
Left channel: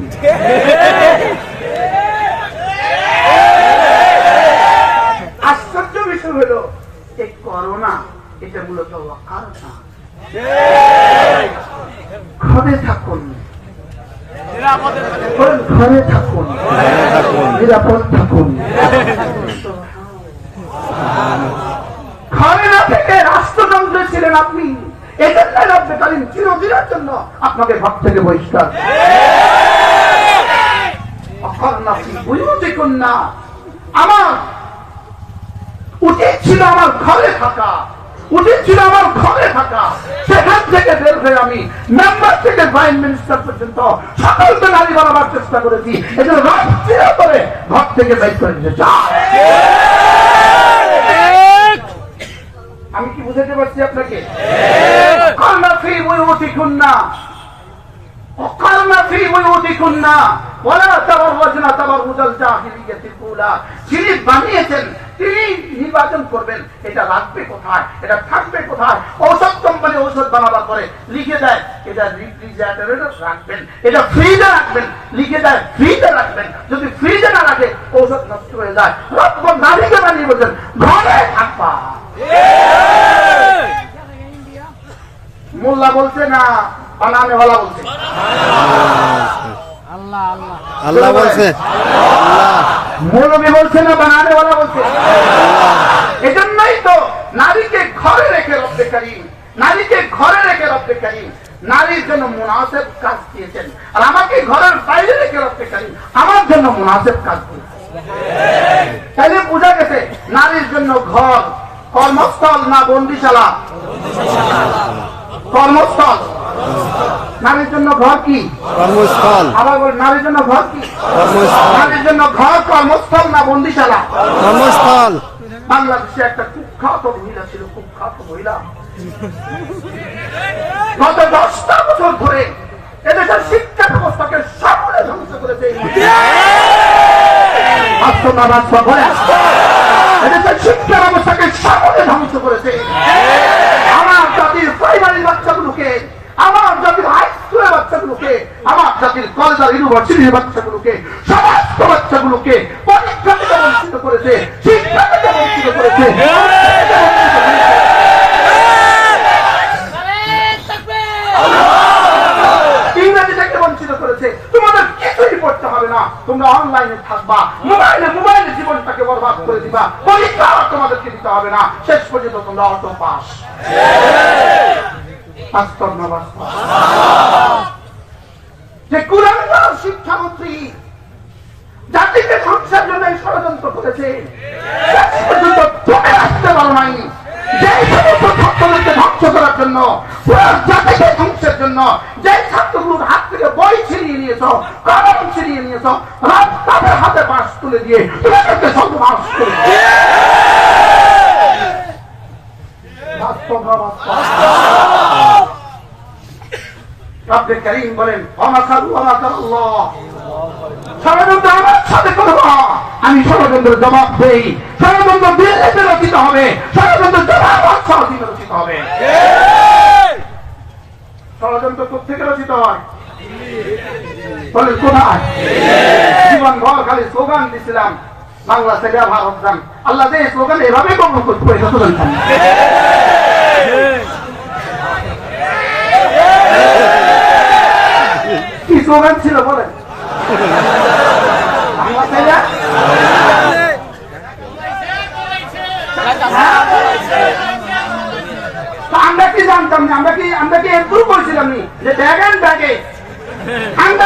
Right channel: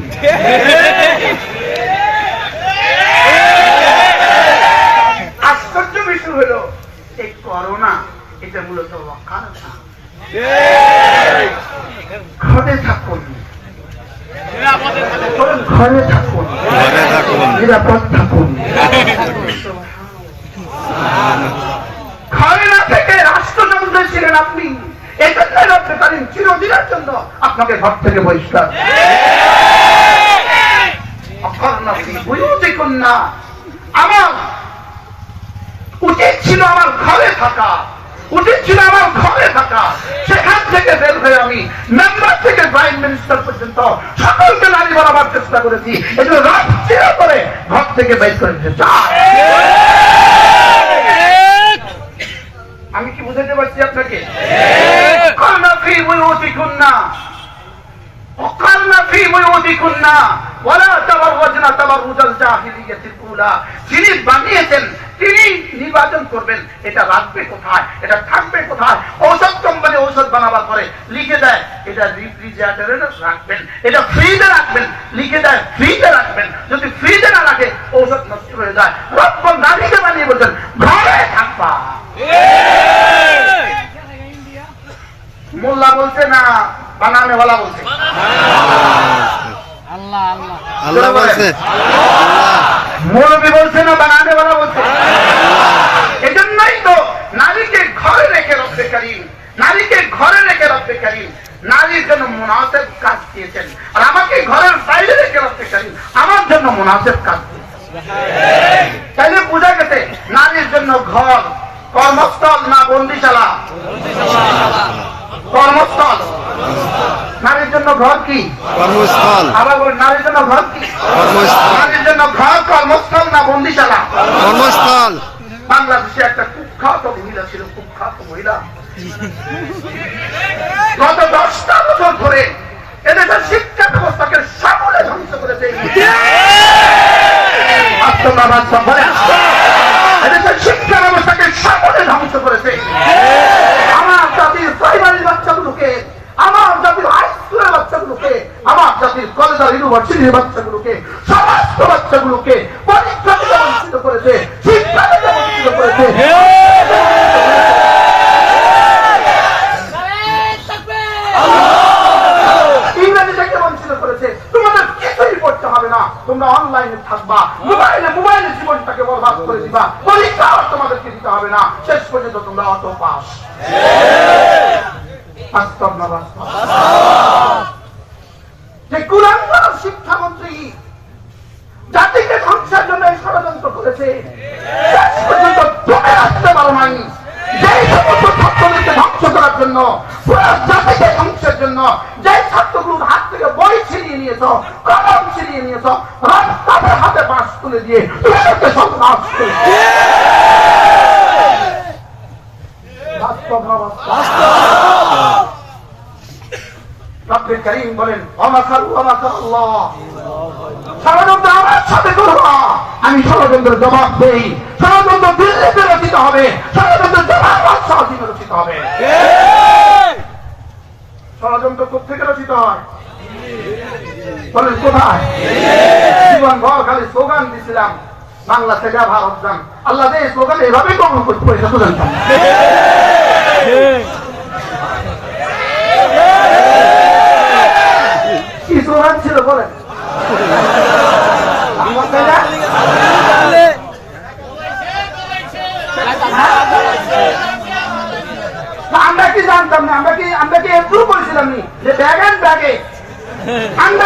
আশ্চর্য বিষয় হলো এই করোনা এটা মূলত ওয়াকালনা। ঘরে থাকুন, ঘরে থাকুন, ঘরে থাকুন, নিরাপদ থাকুন। ঘরে না থেকে রাষ্ট্রযন্ত্রে ছিলেন আপনি, এজন্য রব্বে কারীম চিরদিনের জন্য আপনাকে ঘর থেকে বহিষ্কার। আমার উচিত ছিল আমার ঘরে থাকা, উচিত ছিল আমার ঘরে থাকা। সেখান থেকে বের হয়ে আমি মেম্বার থেকে প্রাইম মিনিস্টার পর্যন্ত সকলকে নারী বানাবার চেষ্টা করেছি। এজন্য রাষ্ট্রীয় করে ঘর থেকে বের করে দিতে চাই। আমি কি বুঝাতে পারছি আপনাকে? অকালনা ফি বুয়ুতিকুন্না, অকালনা ফি বুয়ুতিকুন্না ওয়ালা তাবাররাজনা তাবাররুজাল জাহিলিয়াতিল উলা। যিনি বানিয়েছেন তিনি নির্বাচন করবেন এটা রাখবে কোথায়, এটা থাকবে কোথায়। ঔষধ কোম্পানি ঔষধ বানাবার পরে লিখে দেয় এটা রেফ্রিজারেটরে রাখবেন, এটা ফ্রিজে রাখবেন, লিখে দেয় ফ্রিজে রাখবেন। যদি ফ্রিজে না রাখে ঔষধ নষ্ট হয়ে যায়। রব্ব নারীকে বানিয়ে বলছেন ঘরে থাকবা। মোল্লা বলছে না বানানে ওয়ালা বলছে? আল্লাহ বলছে, আল্লাহ। মৌলবী বলছে না বানানে ওয়ালা বলছে? এজন্যই তো নারীকে ঘরে রেখে রব্বে কারীম, নারীকে ঘরে রেখে রব্বে কারীম নারীর জন্য মুনাসেব কাজ দিয়েছেন। আর আমাকে ঘরের বাইরে রেখে রব্বে কারীম আমার জন্য মুনাসেব কাজ দিয়েছেন। তাইলে বোঝা গেছে নারীর জন্য ঘর কর্মস্থল না বন্দিশালা? কর্মস্থল। নারীর জন্য ঘর কি? কর্মস্থল। আবার বল নারীর জন্য ঘর কি? কর্মস্থল। নারীর জন্য ঘর কর্মস্থল না বন্দিশালা? কর্মস্থল। বাংলাদেশে একটা কুখ্যাত মহিলা ছিল, কুখ্যাত মহিলা। গত 10টা বছর ধরে এদেশের শিক্ষা ব্যবস্থাকে সামনে ধ্বংস করেছে। এদেশের শিক্ষা ব্যবস্থাকে সামনে ধ্বংস করেছে। আমার জাতির প্রাইমারি বাচ্চাগুলোকে, আমার জাতির হাই স্কুলের বাচ্চাগুলোকে, আমার জাতির কলেজ আর ইউনিভার্সিটির বাচ্চাগুলোকে, সমস্ত বাচ্চাগুলোকে পরীক্ষা থেকে বঞ্চিত করেছে, শিক্ষা থেকে বঞ্চিত করেছে, ইংরেজি থেকে বঞ্চিত করেছে। তোমাদের কিছুই পড়তে হবে না, তোমরা অনলাইনে থাকবা, মোবাইলে জীবনটাকে বরবাদ করে দিবা, পরীক্ষা তোমাদেরকে দিতে হবে না, শেষ পর্যন্ত তোমরা অটো পাস। বাস্তব না বাস্তব? যে কুরআন শিক্ষামন্ত্রী জাতিকে ধ্বংসের জন্য ষড়যন্ত্র করেছে, শেষ পর্যন্ত তুমি আসতে পারো নাই। যে সমস্ত ছাত্রদেরকে ধ্বংস করার জন্য, পুরো জাতিকে ধ্বংসের জন্য যে ছাত্রগুলোর হাত থেকে বই ছিনিয়ে নিয়েছ, কলম ছিনিয়ে নিয়েছ, তাদের হাতে বাঁশ তুলে দিয়ে তোমাদেরকে সর্বনাশ করে রব্বে কারীম বলেন ষড়যন্ত্র আমার সাথে করবা, আমি ষড়যন্ত্রের জবাব দেই। ষড়যন্ত্র দিল্লিতে রচিত হবে, ষড়যন্ত্রের জবাব রচিত হবে। ষড়যন্ত্র কোথা থেকে রচিত হয়? বলেন কোথায়? জীবন ভর খালি স্লোগান দিছিলাম, বাংলা থেকে ভারত যান। আল্লাহ যে স্লোগান এভাবে কবুল করতে পারে সেটা তো জানতাম না। কি স্লোগান ছিল বলেন? আমরা কি জানতাম না? আমরা কি একটু বলছিলাম নি যে ব্যাগ অ্যান্ড ব্যাগে আমরা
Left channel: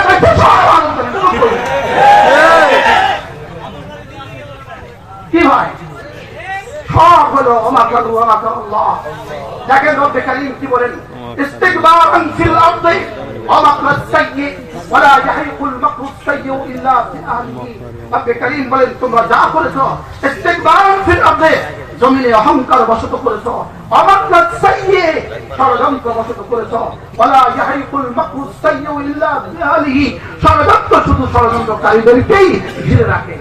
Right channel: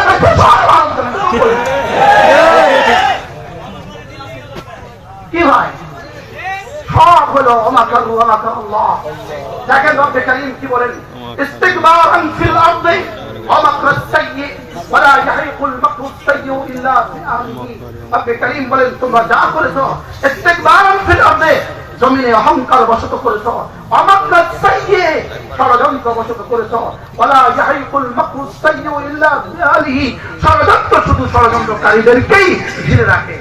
কি হয় সব হলো ওমাকারু ওমাকারুল্লাহ। দেখেন রব্বে কারীম কি বলেন, ইস্তিকবারান ফিল আরদি ওয়া মাকরাস সাইয়্যি ওয়া লা ইয়াহিকুল মাকরুস সাইয়্যু ইল্লা বিআহলিহি। রব্বে কারীম বলেন তোমরা যা করেছো ইস্তিকবারান ফিল আরদি, জমিনে অহংকার বসত করেছো, ওয়া মাকরাস সাইয়্যি ষড়যন্ত্র বসত করেছো, ওয়া লা ইয়াহিকুল মাকরুস সাইয়্যু ইল্লা বিআহলিহি, ষড়যন্ত্র শুধু ষড়যন্ত্রকারীদেরকেই ঘিরে রাখে।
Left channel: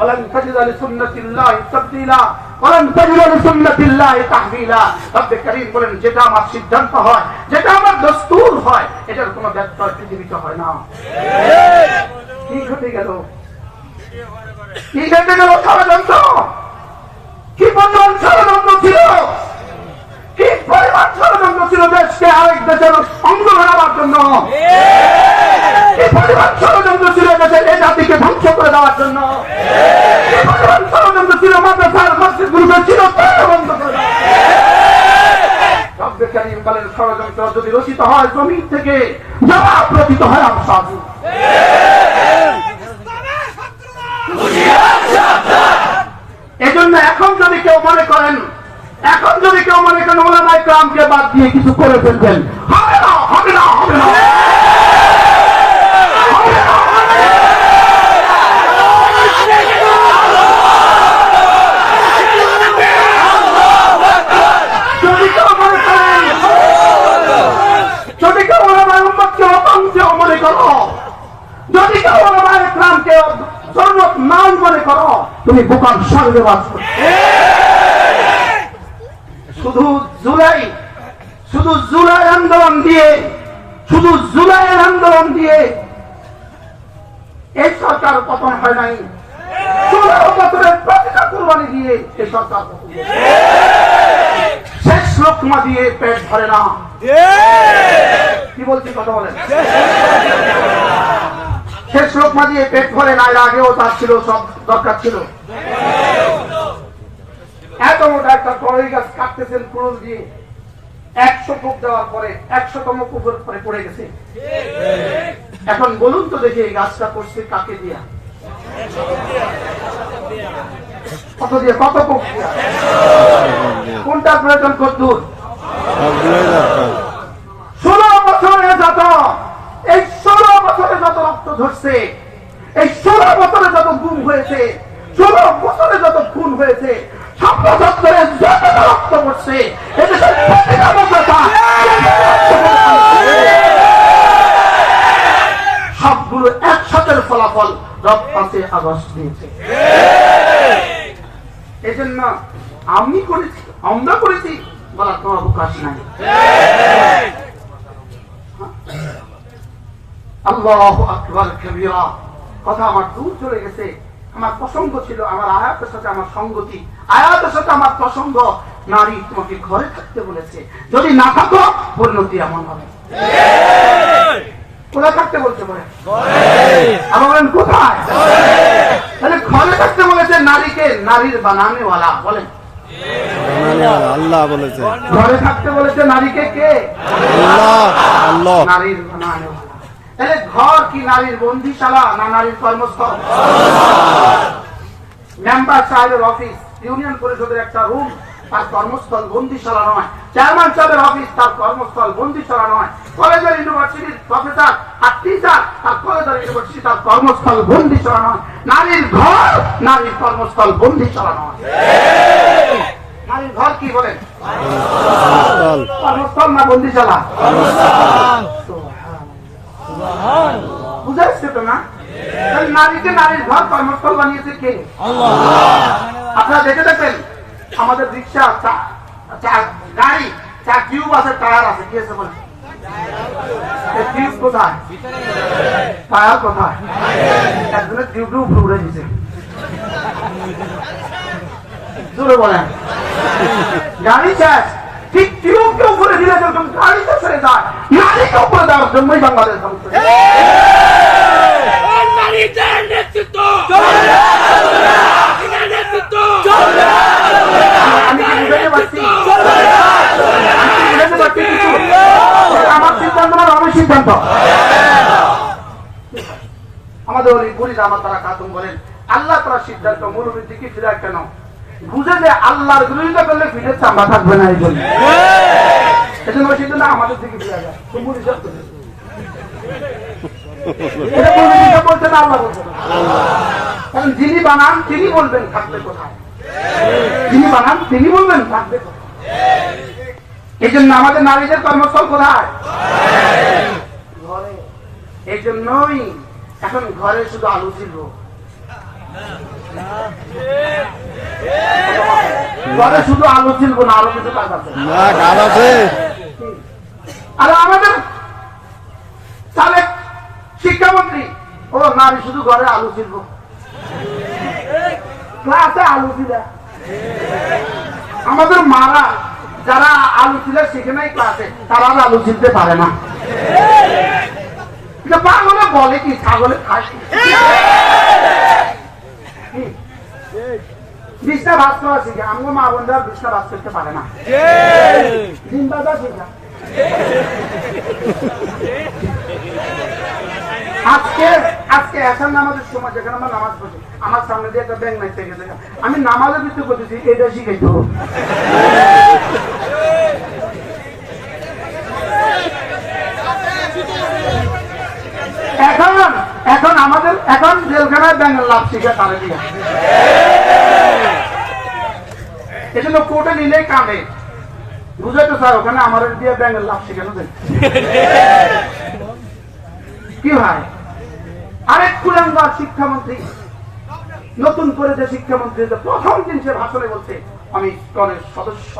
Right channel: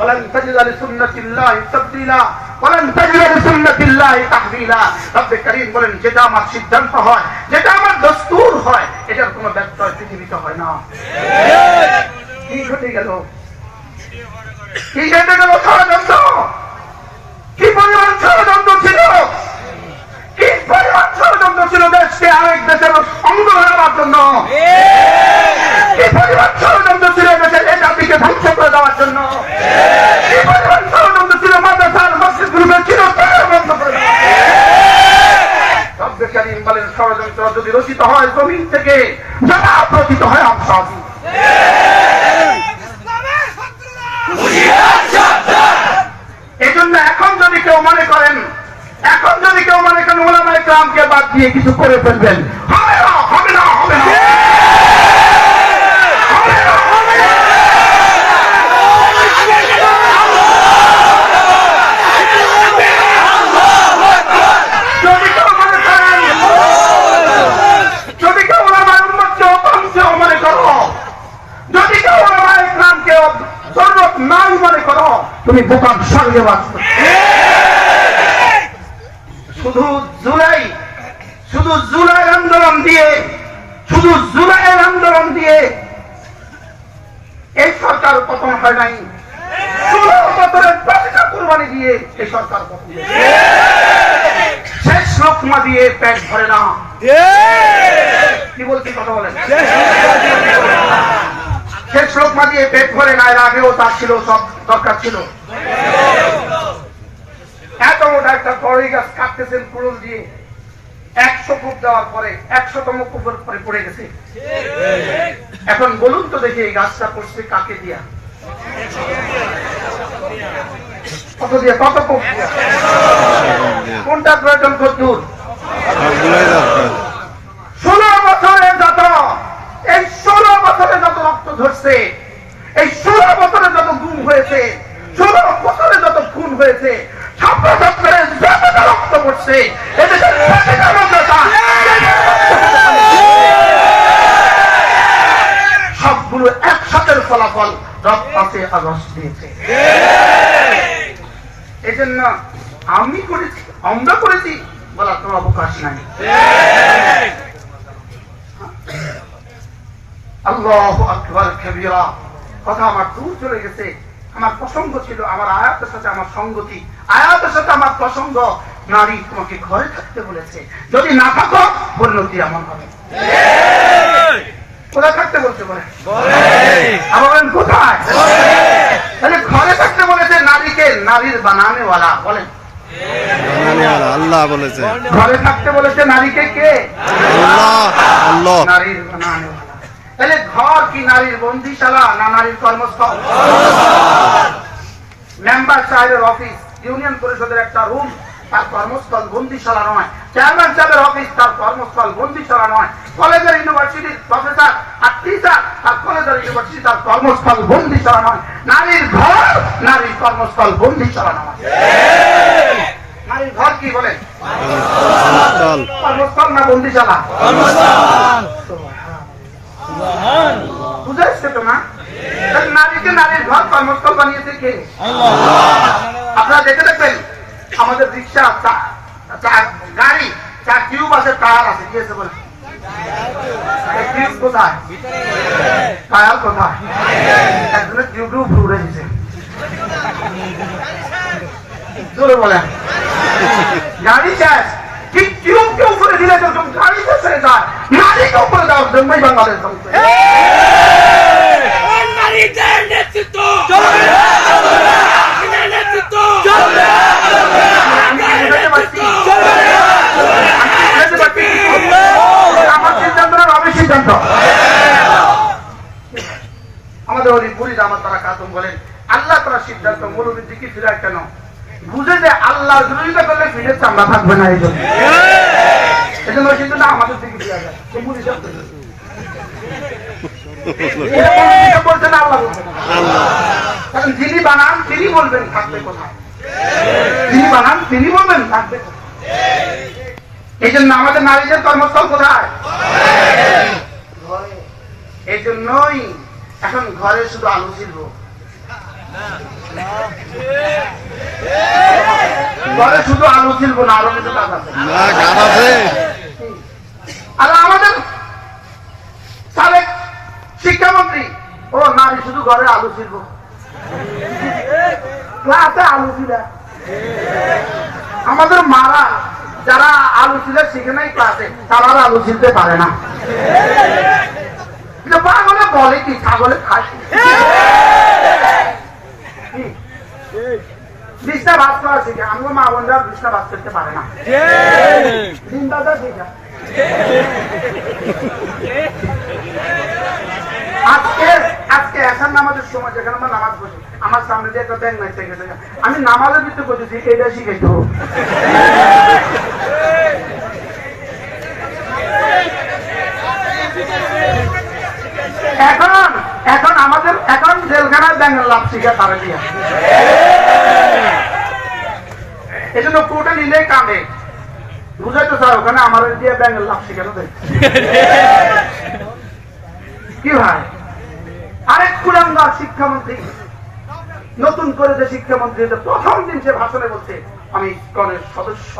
ولن تجد لسنة الله تبديلا ولن تجد لسنة الله تحويلا। রব্বে কারীম বলেন যেটা আমার সিদ্ধান্ত হয়, যেটা আমার দস্তুর হয়, এটার কোনো ব্যত্যয় পৃথিবীতে হয় না। কি ঘটে গেল? কি ঘটে গেল? ষড়যন্ত্র। কি পরিমাণ ষড়যন্ত্র ছিল, কি পরিমাণ ষড়যন্ত্র ছিল দেশকে আরেক দেশের অঙ্গ বানাবার জন্য, কি পরিমাণ ষড়যন্ত্র ছিল দেশের এই জাতিকে ধ্বংস করে দেওয়ার জন্য, কি পরিমাণ ষড়যন্ত্র ছিল মাদ্রাসার মসজিদগুলোকে চিরতরে বন্ধ করে দেওয়ার জন্য। রব্বে কারীম বলেন ষড়যন্ত্র যদি রচিত হয় জমিন থেকে, জবাব রচিত হয় আমসাজি। এই জন্য এখন যদি কেউ মনে করেন ওলামায়ে কেরামকে বাদ দিয়ে কিছু করে ফেলবেন, হবে না, হবে না, হবে না। যদি কেউ ওলামায়ে উম্মতকে অতন্ত্র মনে করো, যদি কেউ ওলামায়ে কেরামকে জরুরত নাই মনে করো, তুমি বোকার সঙ্গে বাঁচবে। শুধু জুলাই আন্দোলন দিয়ে এই সরকার পতন হয় নাই, 16 বছরের প্রতিটা কুরবানি দিয়ে এই সরকার পতন হয়েছে। শেষ লোকমা দিয়ে পেট ভরে না। কি বলছি কথা বলেন? শেষ লোকমা দিয়ে পেট ভরে না, এর আগেও তার ছিল, সব দরকার ছিল। এত মোটা একটা বড়ই গাছ কাটতেছেন কুড়ুল দিয়ে, 100 ফুট দেওয়ার পরে 100তম ফুটের পরে পড়ে গেছে। এখন বলুন তো দেখি এই গাছটা পড়ছে কাকে দিয়া? কত দিয়ে? কত ফুট দিয়া? কোনটা প্রয়োজন? কত? সবগুলোই দরকার। 16 বছরে যত, এই 16 বছরে যত রক্ত ঝরছে, এই 16 বছরে যত গুম হয়েছে, 16 বছরে যত খুন হয়েছে, ছাত্রছাত্রীরা যতটা রক্ত পড়ছে, এদেশের প্রতিটা মাদ্রাসা সবগুলো একসাথে ফলাফল 5 আগস্ট দিয়েছে। এই জন্য আমি করেছি, আমরা করেছি বলার কোনো অবকাশ নাই। আল্লাহু আকবার কবীরা। কথা আমার দূর চলে গেছে। আমার প্রসঙ্গ ছিল, আমার আয়াতের সাথে আমার সঙ্গতি, আয়াতের সাথে আমার প্রসঙ্গ। নারী তোমাকে ঘরে থাকতে বলেছে, যদি না থাকো পরিণতি এমন হবে। কোথায় থাকতে বলতে পারে? আমার কোথায়? তাহলে ঘরে থাকতে বলেছে নারীকে, নারীর বানানেওয়ালা বলেন, বানানেওয়ালা আল্লাহ বলেছে। ঘরে থাকতে বলেছে নারীকে, কে? আল্লাহ। আল্লাহ নারীর বানানেওয়ালা। তাহলে ঘর কি নারীর বন্দিশালা না নারীর কর্মস্থল? মেম্বার সাহেবের অফিস, ইউনিয়ন পরিষদের একটা রুম, তার কর্মস্থল বন্দিশালা নয়। চেয়ারম্যান সাহেবের অফিস, তার কর্মস্থল বন্দিশালা নয়। কলেজের ইউনিভার্সিটির প্রফেসর আর টিচার, তার কলেজের ইউনিভার্সিটি, তার কর্মস্থল বন্দিশালা নয়। নারীর ঘর, নারীর কর্মস্থল বন্দিশালা নয়। নারীর ঘর কি বলে? কর্মস্থল না বন্দিশালা? বুঝাইছে তো না? নারীকে নারীর ঘর কর্মস্থল বানিয়েছে কে? আপনারা দেখে দেখেন আমাদের রিক্সা, গাড়ি, কিউব আছে, টায়ার আছে, কি আছে বলে? টিউব কোথায়? টায়ার কোথায়? একজনের টিউবও ঘুরে দিছে। জোরে বলেন। গাড়ি শেষ, ঠিক টিউবকে উপরে দিলে যখন গাড়িতে ছেড়ে যায়, নারীকে উপরে দেওয়ার জন্যই বাংলাদেশ চলছে। আমি কি বুঝাতে পারছি? আমার সিদ্ধান্ত না আমার সিদ্ধান্ত। আমাদের অনেক বুড়িরা আমার তারা কাতুম বলেন, আল্লাহ তারা সিদ্ধান্ত মরুর দিকে ফিরায় কেন? বুঝে যে আল্লাহর বিরোধিতা করলে ফিরেছে আমরা থাকবে না, এই জন্য সিদ্ধান্ত আমাদের দিকে ফিরা যায়। বলছেন আল্লাহ বলছেন, কারণ যিনি বানান তিনি বলবেন থাকবে কোথায়, যিনি বানান তিনি বলবেন থাকবে কোথায়। এই জন্য আমাদের নারীদের কর্মস্থল কোথায়? ঘরে। এই জন্যই এখন ঘরে শুধু আলু ছিল, ঘরে শুধু আলু ছিল না, আরো কিছু কাজ আছে। আর আমাদের সাবেক শিক্ষামন্ত্রী ও নারী শুধু ঘরে আলু ছিল, ক্লাসে আলু ছিল। আমাদের মারা যারা আলু ছিল সেখানে ক্লাসে, তারা আলু ছিলতে পারে না। পাগলে বলে কি ছাগলে খায়, বিছনা ভাত করা শিখে। আমরা মা বোনরা বিছনা ভাত করতে পারে না, জিন্দাদা শিখা। আজকে এসার নামাজের সময় যেখানে আমরা নামাজ পড়ছি, আমার সামনে দিয়ে একটা ব্যাংক নাইতে গেছে, আমি নামাজের ভিতরে বলতেছি এটা শিখে দেবো। এখন আমাদের এখন জেলখানায় ব্যাংকের লাভ শিখা তারা দিয়া, এই জন্য কোর্টে নিলেই কাঁদে, বুঝাইতে স্যার ওখানে আমার দিয়ে ব্যাংকের লাভ শিখানো দেয় কি ভাই। আরেক কুলাঙ্গার শিক্ষামন্ত্রী নতুন করে যে শিক্ষামন্ত্রী প্রথম দিন সে ভাষণে বলছে আমি ইসকনের সদস্য।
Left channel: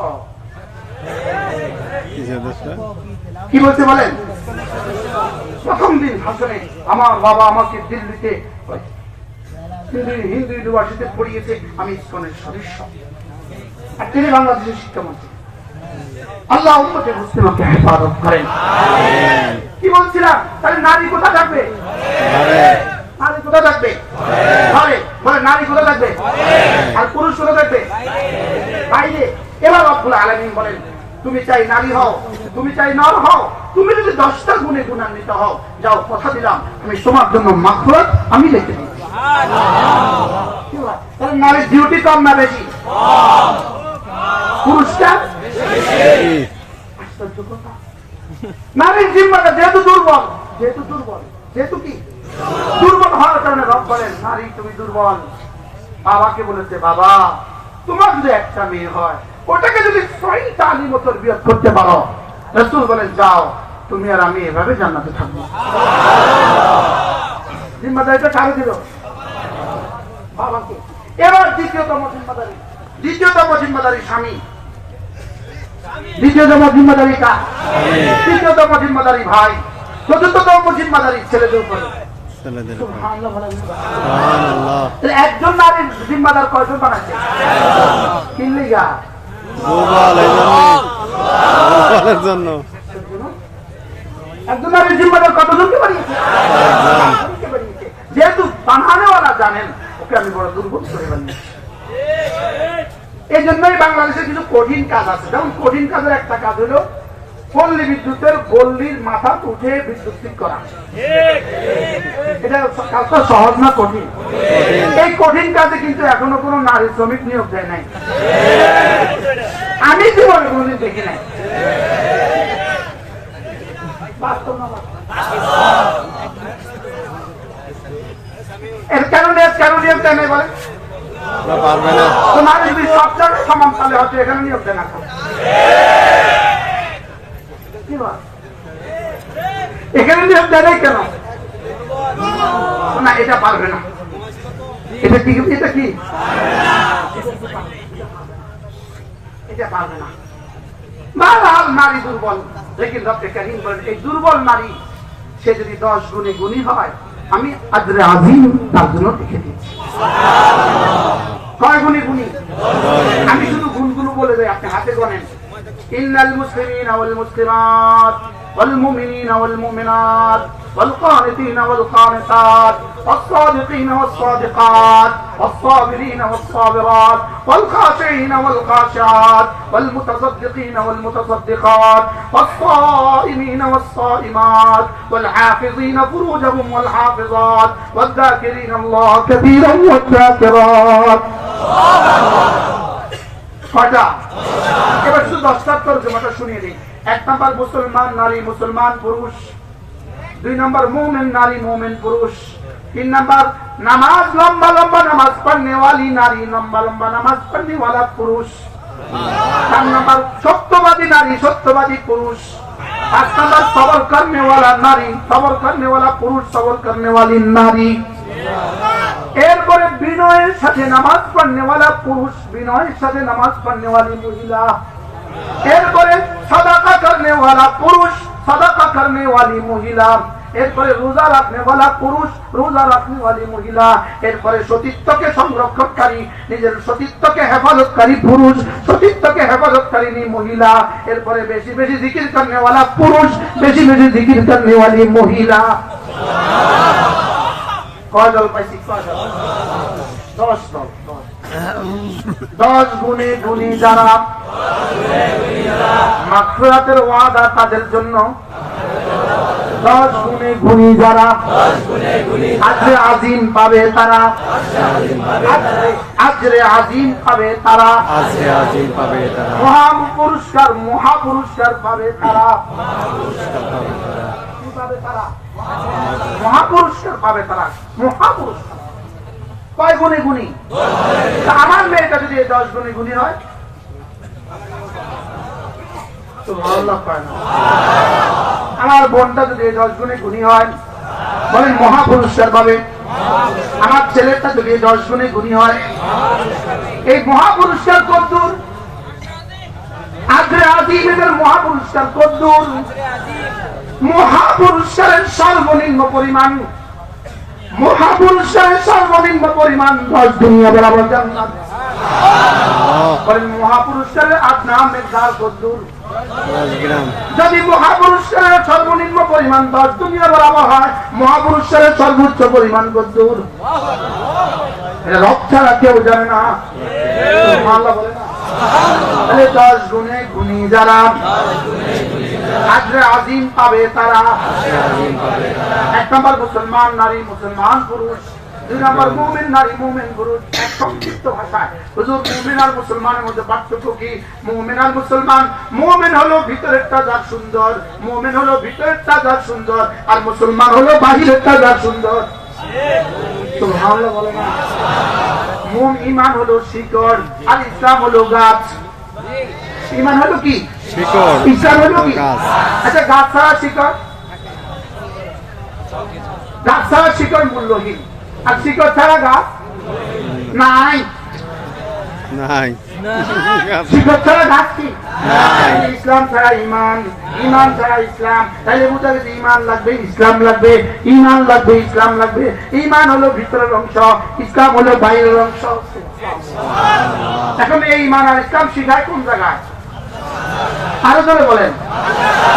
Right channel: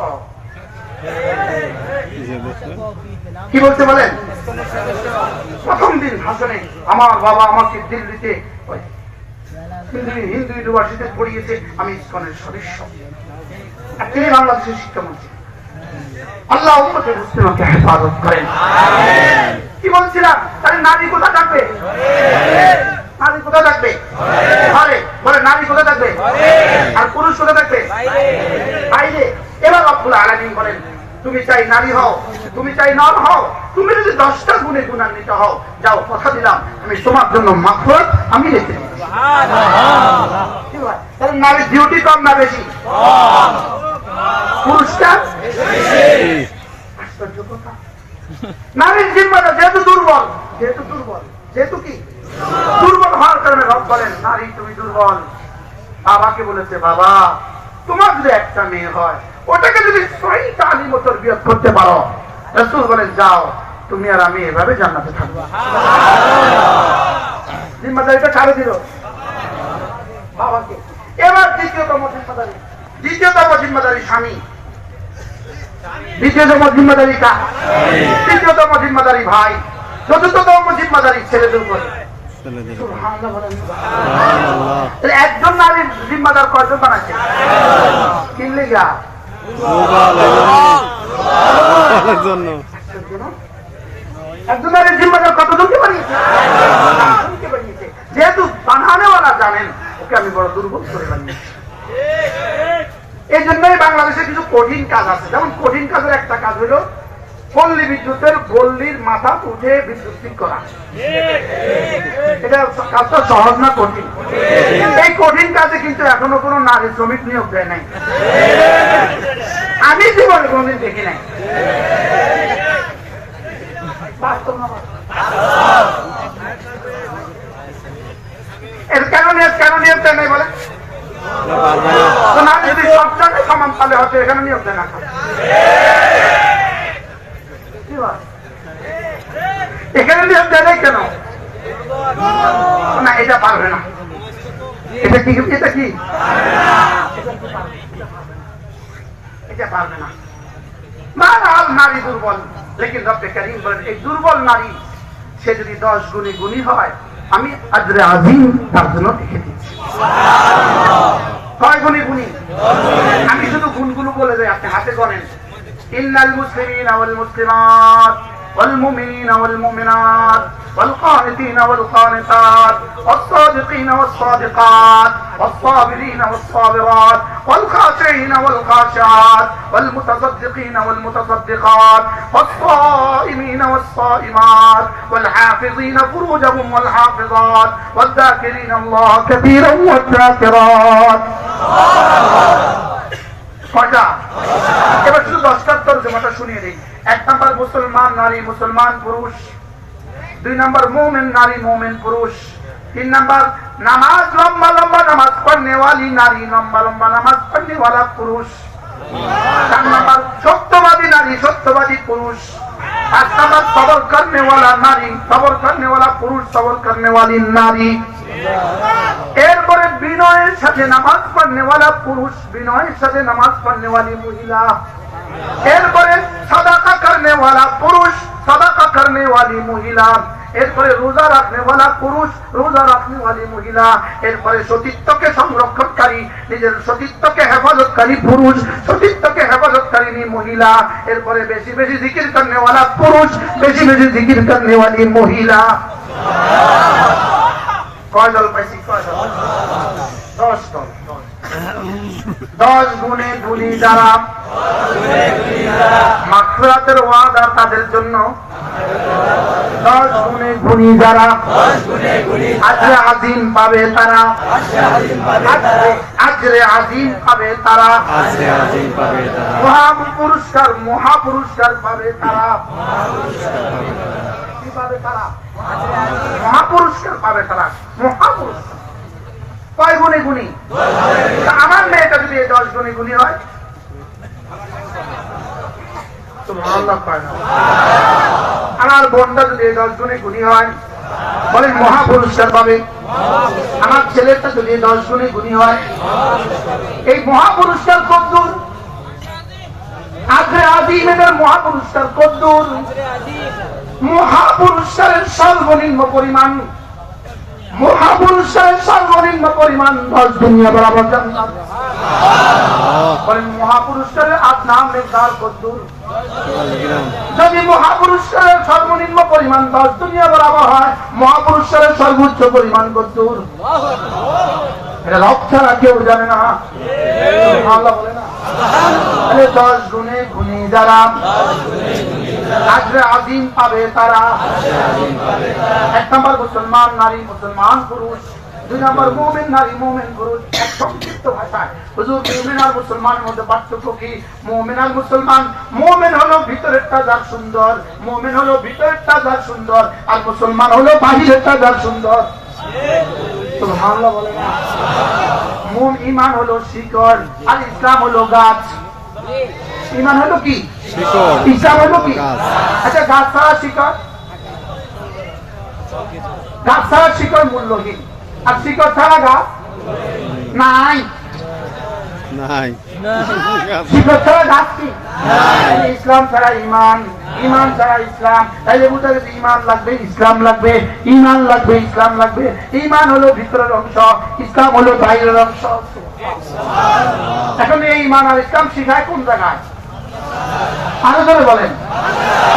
কি বলছে বলেন? প্রথম দিন ভাষণে আমার বাবা আমাকে দিল্লিতে হিন্দু ইউনিভার্সিটিতে পড়িয়েছে, আমি ইসকনের সদস্য। আর তিনি বাংলাদেশের শিক্ষামন্ত্রী। আল্লাহ উম্মতে মুসলিমকে হেফাজত করেন। কি বলছিলাম? তাহলে নারী কোথা থাকবে? নারী কোথা থাকবে? ঘরে। বলে নারী কোথা থাকবে? আর পুরুষ কোথা থাকবে? বাইরে। এবার রব্বুল আলামিন বলেন তুমি চাই নারী হও, তুমি চাই নর হও, তুমি যদি 10টা গুণে গুণান্বিত হও, যাও কথা দিলাম আমি তোমার জন্য মাগফিরাত আমি রেখে দিই। তাহলে নারীর ডিউটি কম না বেশি? পুরুষটা আশ্চর্য কথা। নারীর জিম্মাটা যেহেতু দুর্বল, যেহেতু কি দুর্বল হওয়ার কারণে রব বলেন নারী তুমি দুর্বল। বাবাকে বলেছে বাবা তোমার যদি একটা মেয়ে হয় ওটাকে যদি 6টা আলিম তরবিয়ত করতে পারো, রাসূল বলেন যাও তুমি আর আমি এভাবে জান্নাতে থাকবো। জিম্মাদারিটা কারে দিল? বাবাকে। এবার দ্বিতীয়তম জিম্মাদারি স্বামী, দ্বিতীয়তম জিম্মাদারি কার? তৃতীয়তম জিম্মাদারি ভাই, চতুর্থতম জিম্মাদারি ছেলেদের উপর। একজন নারীর জিম্মাদার কয়জন বানাচ্ছে? কিনলে যা একজন নারীর জিম্মাদার কতজনকে বানিয়েছে? যেহেতু বানানেওয়ালা জানেন ওকে আমি বড় দুর্বল করে বানিয়েছি। এই জন্যই বাংলাদেশে কিছু কঠিন কাজ আছে। যেমন কঠিন কাজের একটা কাজ হলো পল্লী বিদ্যুতের গল্লির মাথা উঠে বিদ্যুৎ ঠিক করা। এটা কাজটা সহজ না কঠিন? এই কঠিন কাজে কিন্তু এখনো কোনো নারী শ্রমিক নিয়োগ দেয় নাই, আমি জীবনে কোনদিন দেখি নাই। এর কারণে নিয়োগ দেয় নাই বলে পারবে না। নারী যদি সব জায়গায় সমান পালে হয়তো এখানে নিয়োগ দেয় না। এখানে নিয়োগ দেয় নাই কেন? না এটা পারবে না। এটা কি? এটা কি? এটা পারবে না। নারী দুর্বল। লেকিন রব্বে কারীম বলেন এই দুর্বল নারী সে যদি 10 গুণে গুণী হয় আমি আজরে আজিম তার জন্য লিখে দিচ্ছি। কয় গুণে গুণী? আমি শুধু গুণগুলো বলে যাই, আপনি হাতে গণেন। ইন্নাল মুসলিমিনা ওয়াল মুসলিমাত ওয়াল মুমিনিনা ওয়াল মুমিনাত ওয়াল কানিতিনা ওয়াল কানিতাত ওয়াস সাদিকিনা ওয়াস সাদিকাত ওয়াস সাবিরিনা ওয়াস সাবিরাত ওয়াল খাশিঈনা ওয়াল খাশিআত ওয়াল মুতাসাদ্দিকিনা ওয়াল মুতাসাদ্দিকাত ওয়াস সাইমিনা ওয়াস সাইমাত ওয়াল হাফিযিনা ফুরুজাহুম ওয়াল হাফিযাত ওয়াদ যাকিরিনা আল্লাহ কাসীরান ওয়াদ যাকিরাত। এবার শুধু 10টার তরজমাটা শুনিয়ে দিই। 1 নাম্বার মুসলমান নারী মুসলমান পুরুষ, 2 নাম্বার মুমিন নারী মুমিন পুরুষ, 3 নাম্বার নামাজ লম্বা লম্বা নামাজ পড়নে वाली নারী লম্বা লম্বা নামাজ পড়নে वाला পুরুষ, 4 নাম্বার সত্যবাদী নারী সত্যবাদী পুরুষ, 5 নাম্বার সবর করনে वाला নারী সবর করনে वाला পুরুষ সবর করনে वाली নারী। এরপরে বিনয়ের সাথে নামাজ পড়নে वाला পুরুষ বিনয়ের সাথে নামাজ পড়নে वाली মহিলা। এরপরে সাদাকা করনে वाला পুরুষ সাদাকা করনে वाली মহিলা। এরপরে রোজা রাখনে वाला পুরুষ রোজা রাখনে वाली মহিলা। এরপরে সতীত্বকে সংরক্ষণকারী নিজের সতীত্বকে হেফাজতকারী পুরুষ সতীত্বকে হেফাজতকারী মহিলা। এরপরে বেশি বেশি জিকির করনে वाला পুরুষ বেশি বেশি জিকির করনে वाली মহিলা। কয় দল পাইছি? 10 দল। 10 গুণে গুণী যারা মাগফিরাতের ওয়াদা তাদের জন্য, 10 গুণে গুণী যারা আজরে আজিম পাবে তারা, আজরে আজিম পাবে তারা, আজরে আজিম পাবে তারা, মহা পুরস্কার পাবে তারা। কি পাবে তারা? মহাপুরস্কার পাবে তারা, মহাপুরস্কার। কয় গুণে গুণী? আমার মেয়েটা যদি 10 গুণে গুণী হয় আমার বোনটা যদি 10 গুণে গুণী হয় বলেন মহাপুরস্কার পাবে। আমার ছেলেটা যদি 10 গুণে গুণী হয় এই মহাপুরস্কার কদ্দুর? আজরে আজিমের মহাপুরস্কার কদ্দুর? মহাপুরস্কারের সর্বনিম্ন পরিমাণ 10 দুনিয়া বরাবর জান্নাত। মহাপুরস্কারের নাম মেঘদার কদ্দুর? যদি মহাপুরস্কারের সর্বনিম্ন পরিমাণ 10 দুনিয়া বরাবর হয় মহাপুরস্কারের সর্বোচ্চ পরিমাণ কদ্দুর? এটা রব ছাড়া কেউ জানে না। আল্লাহ বলে না 10 গুণে গুণী যারা আজরে আজিম পাবে তারা। 1 নাম্বার মুসলমান নারী মুসলমান পুরুষ, 2 নাম্বার মুমিন নারী মুমিন পুরুষ। এক সংক্ষিপ্ত ভাষায় হুজুর মুমিন আর মুসলমানের মধ্যে পার্থক্য কি? মুমিন আর মুসলমান, মুমিন হলো ভিতরেরটা যার সুন্দর, মুমিন হলো ভিতরেরটা যার সুন্দর, আর মুসলমান হলো বাহিরেরটা যার সুন্দর। সুবহানাল্লাহ বলে না? ঈমান হলো শিকড় আর ইসলাম হলো গাছ। ঈমান হলো কি? শিকড়। ইসলাম হলো কি? আচ্ছা গাছ ছাড়া শিকড়, গাছ ছাড়া শিকড় মূল্যহীন, আর শিকড় ছাড়া গাছ নাই। নাই শিকড় ছাড়া গাছ কি? ইসলাম ছাড়া ঈমান, ঈমান ছাড়া ইসলাম। তাইলে বুঝা গেছে ঈমান লাগবে ইসলাম লাগবে, ঈমান লাগবে ইসলাম লাগবে। ঈমান হলো ভিতরের অংশ, ইসলাম হলো বাইরের অংশ। এখন এই ঈমান আর ইসলাম শিখায় কোন জায়গায়? আরো ধরে বলেন।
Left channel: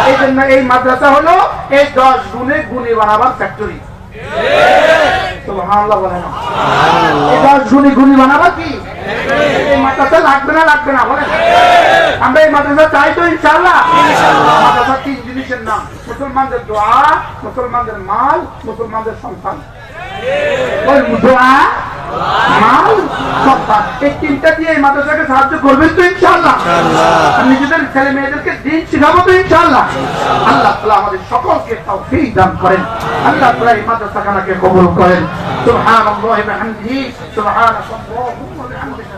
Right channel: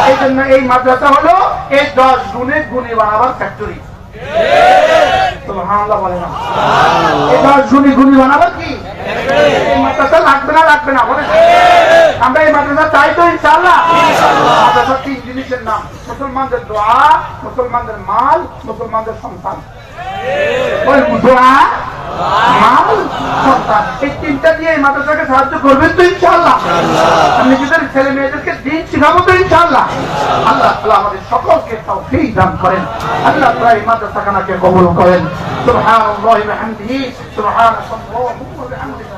এই জন্য এই মাদ্রাসা হলো এই 10 গুণে গুণী বানাবার ফ্যাক্টরি। সুবহানাল্লাহ বলে না? এই 10 গুণে গুণী বানাবার কি এই মাদ্রাসা লাগবে না? লাগবে না বলেন? আমরা এই মাদ্রাসা চাই তো ইনশাআল্লাহ। মাদ্রাসা 3 জিনিসের নাম: মুসলমানদের দোয়া, মুসলমানদের মাল, মুসলমানদের সন্তান। দোয়া, মাল, সন্তান, এই 3টা দিয়ে এই মাদ্রাসাকে সাহায্য করবেন তো ইনশাআল্লাহ? নিজেদের ছেলে মেয়েদেরকে দিন শিখাবো তো ইনশাআল্লাহ? আল্লাহ তাআলা আমাদের সকলকে তৌফিক দান করেন। আল্লাহ তাআলা এই মাদ্রাসাকে কবুল করেন। সুবহানাল্লাহি ওয়া বিহামদিহি, সুবহানাল্লাহি ওয়া বিহামদিহি।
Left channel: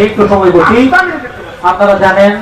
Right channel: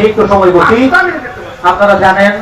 একটু সময় বলছি। আপনারা জানেন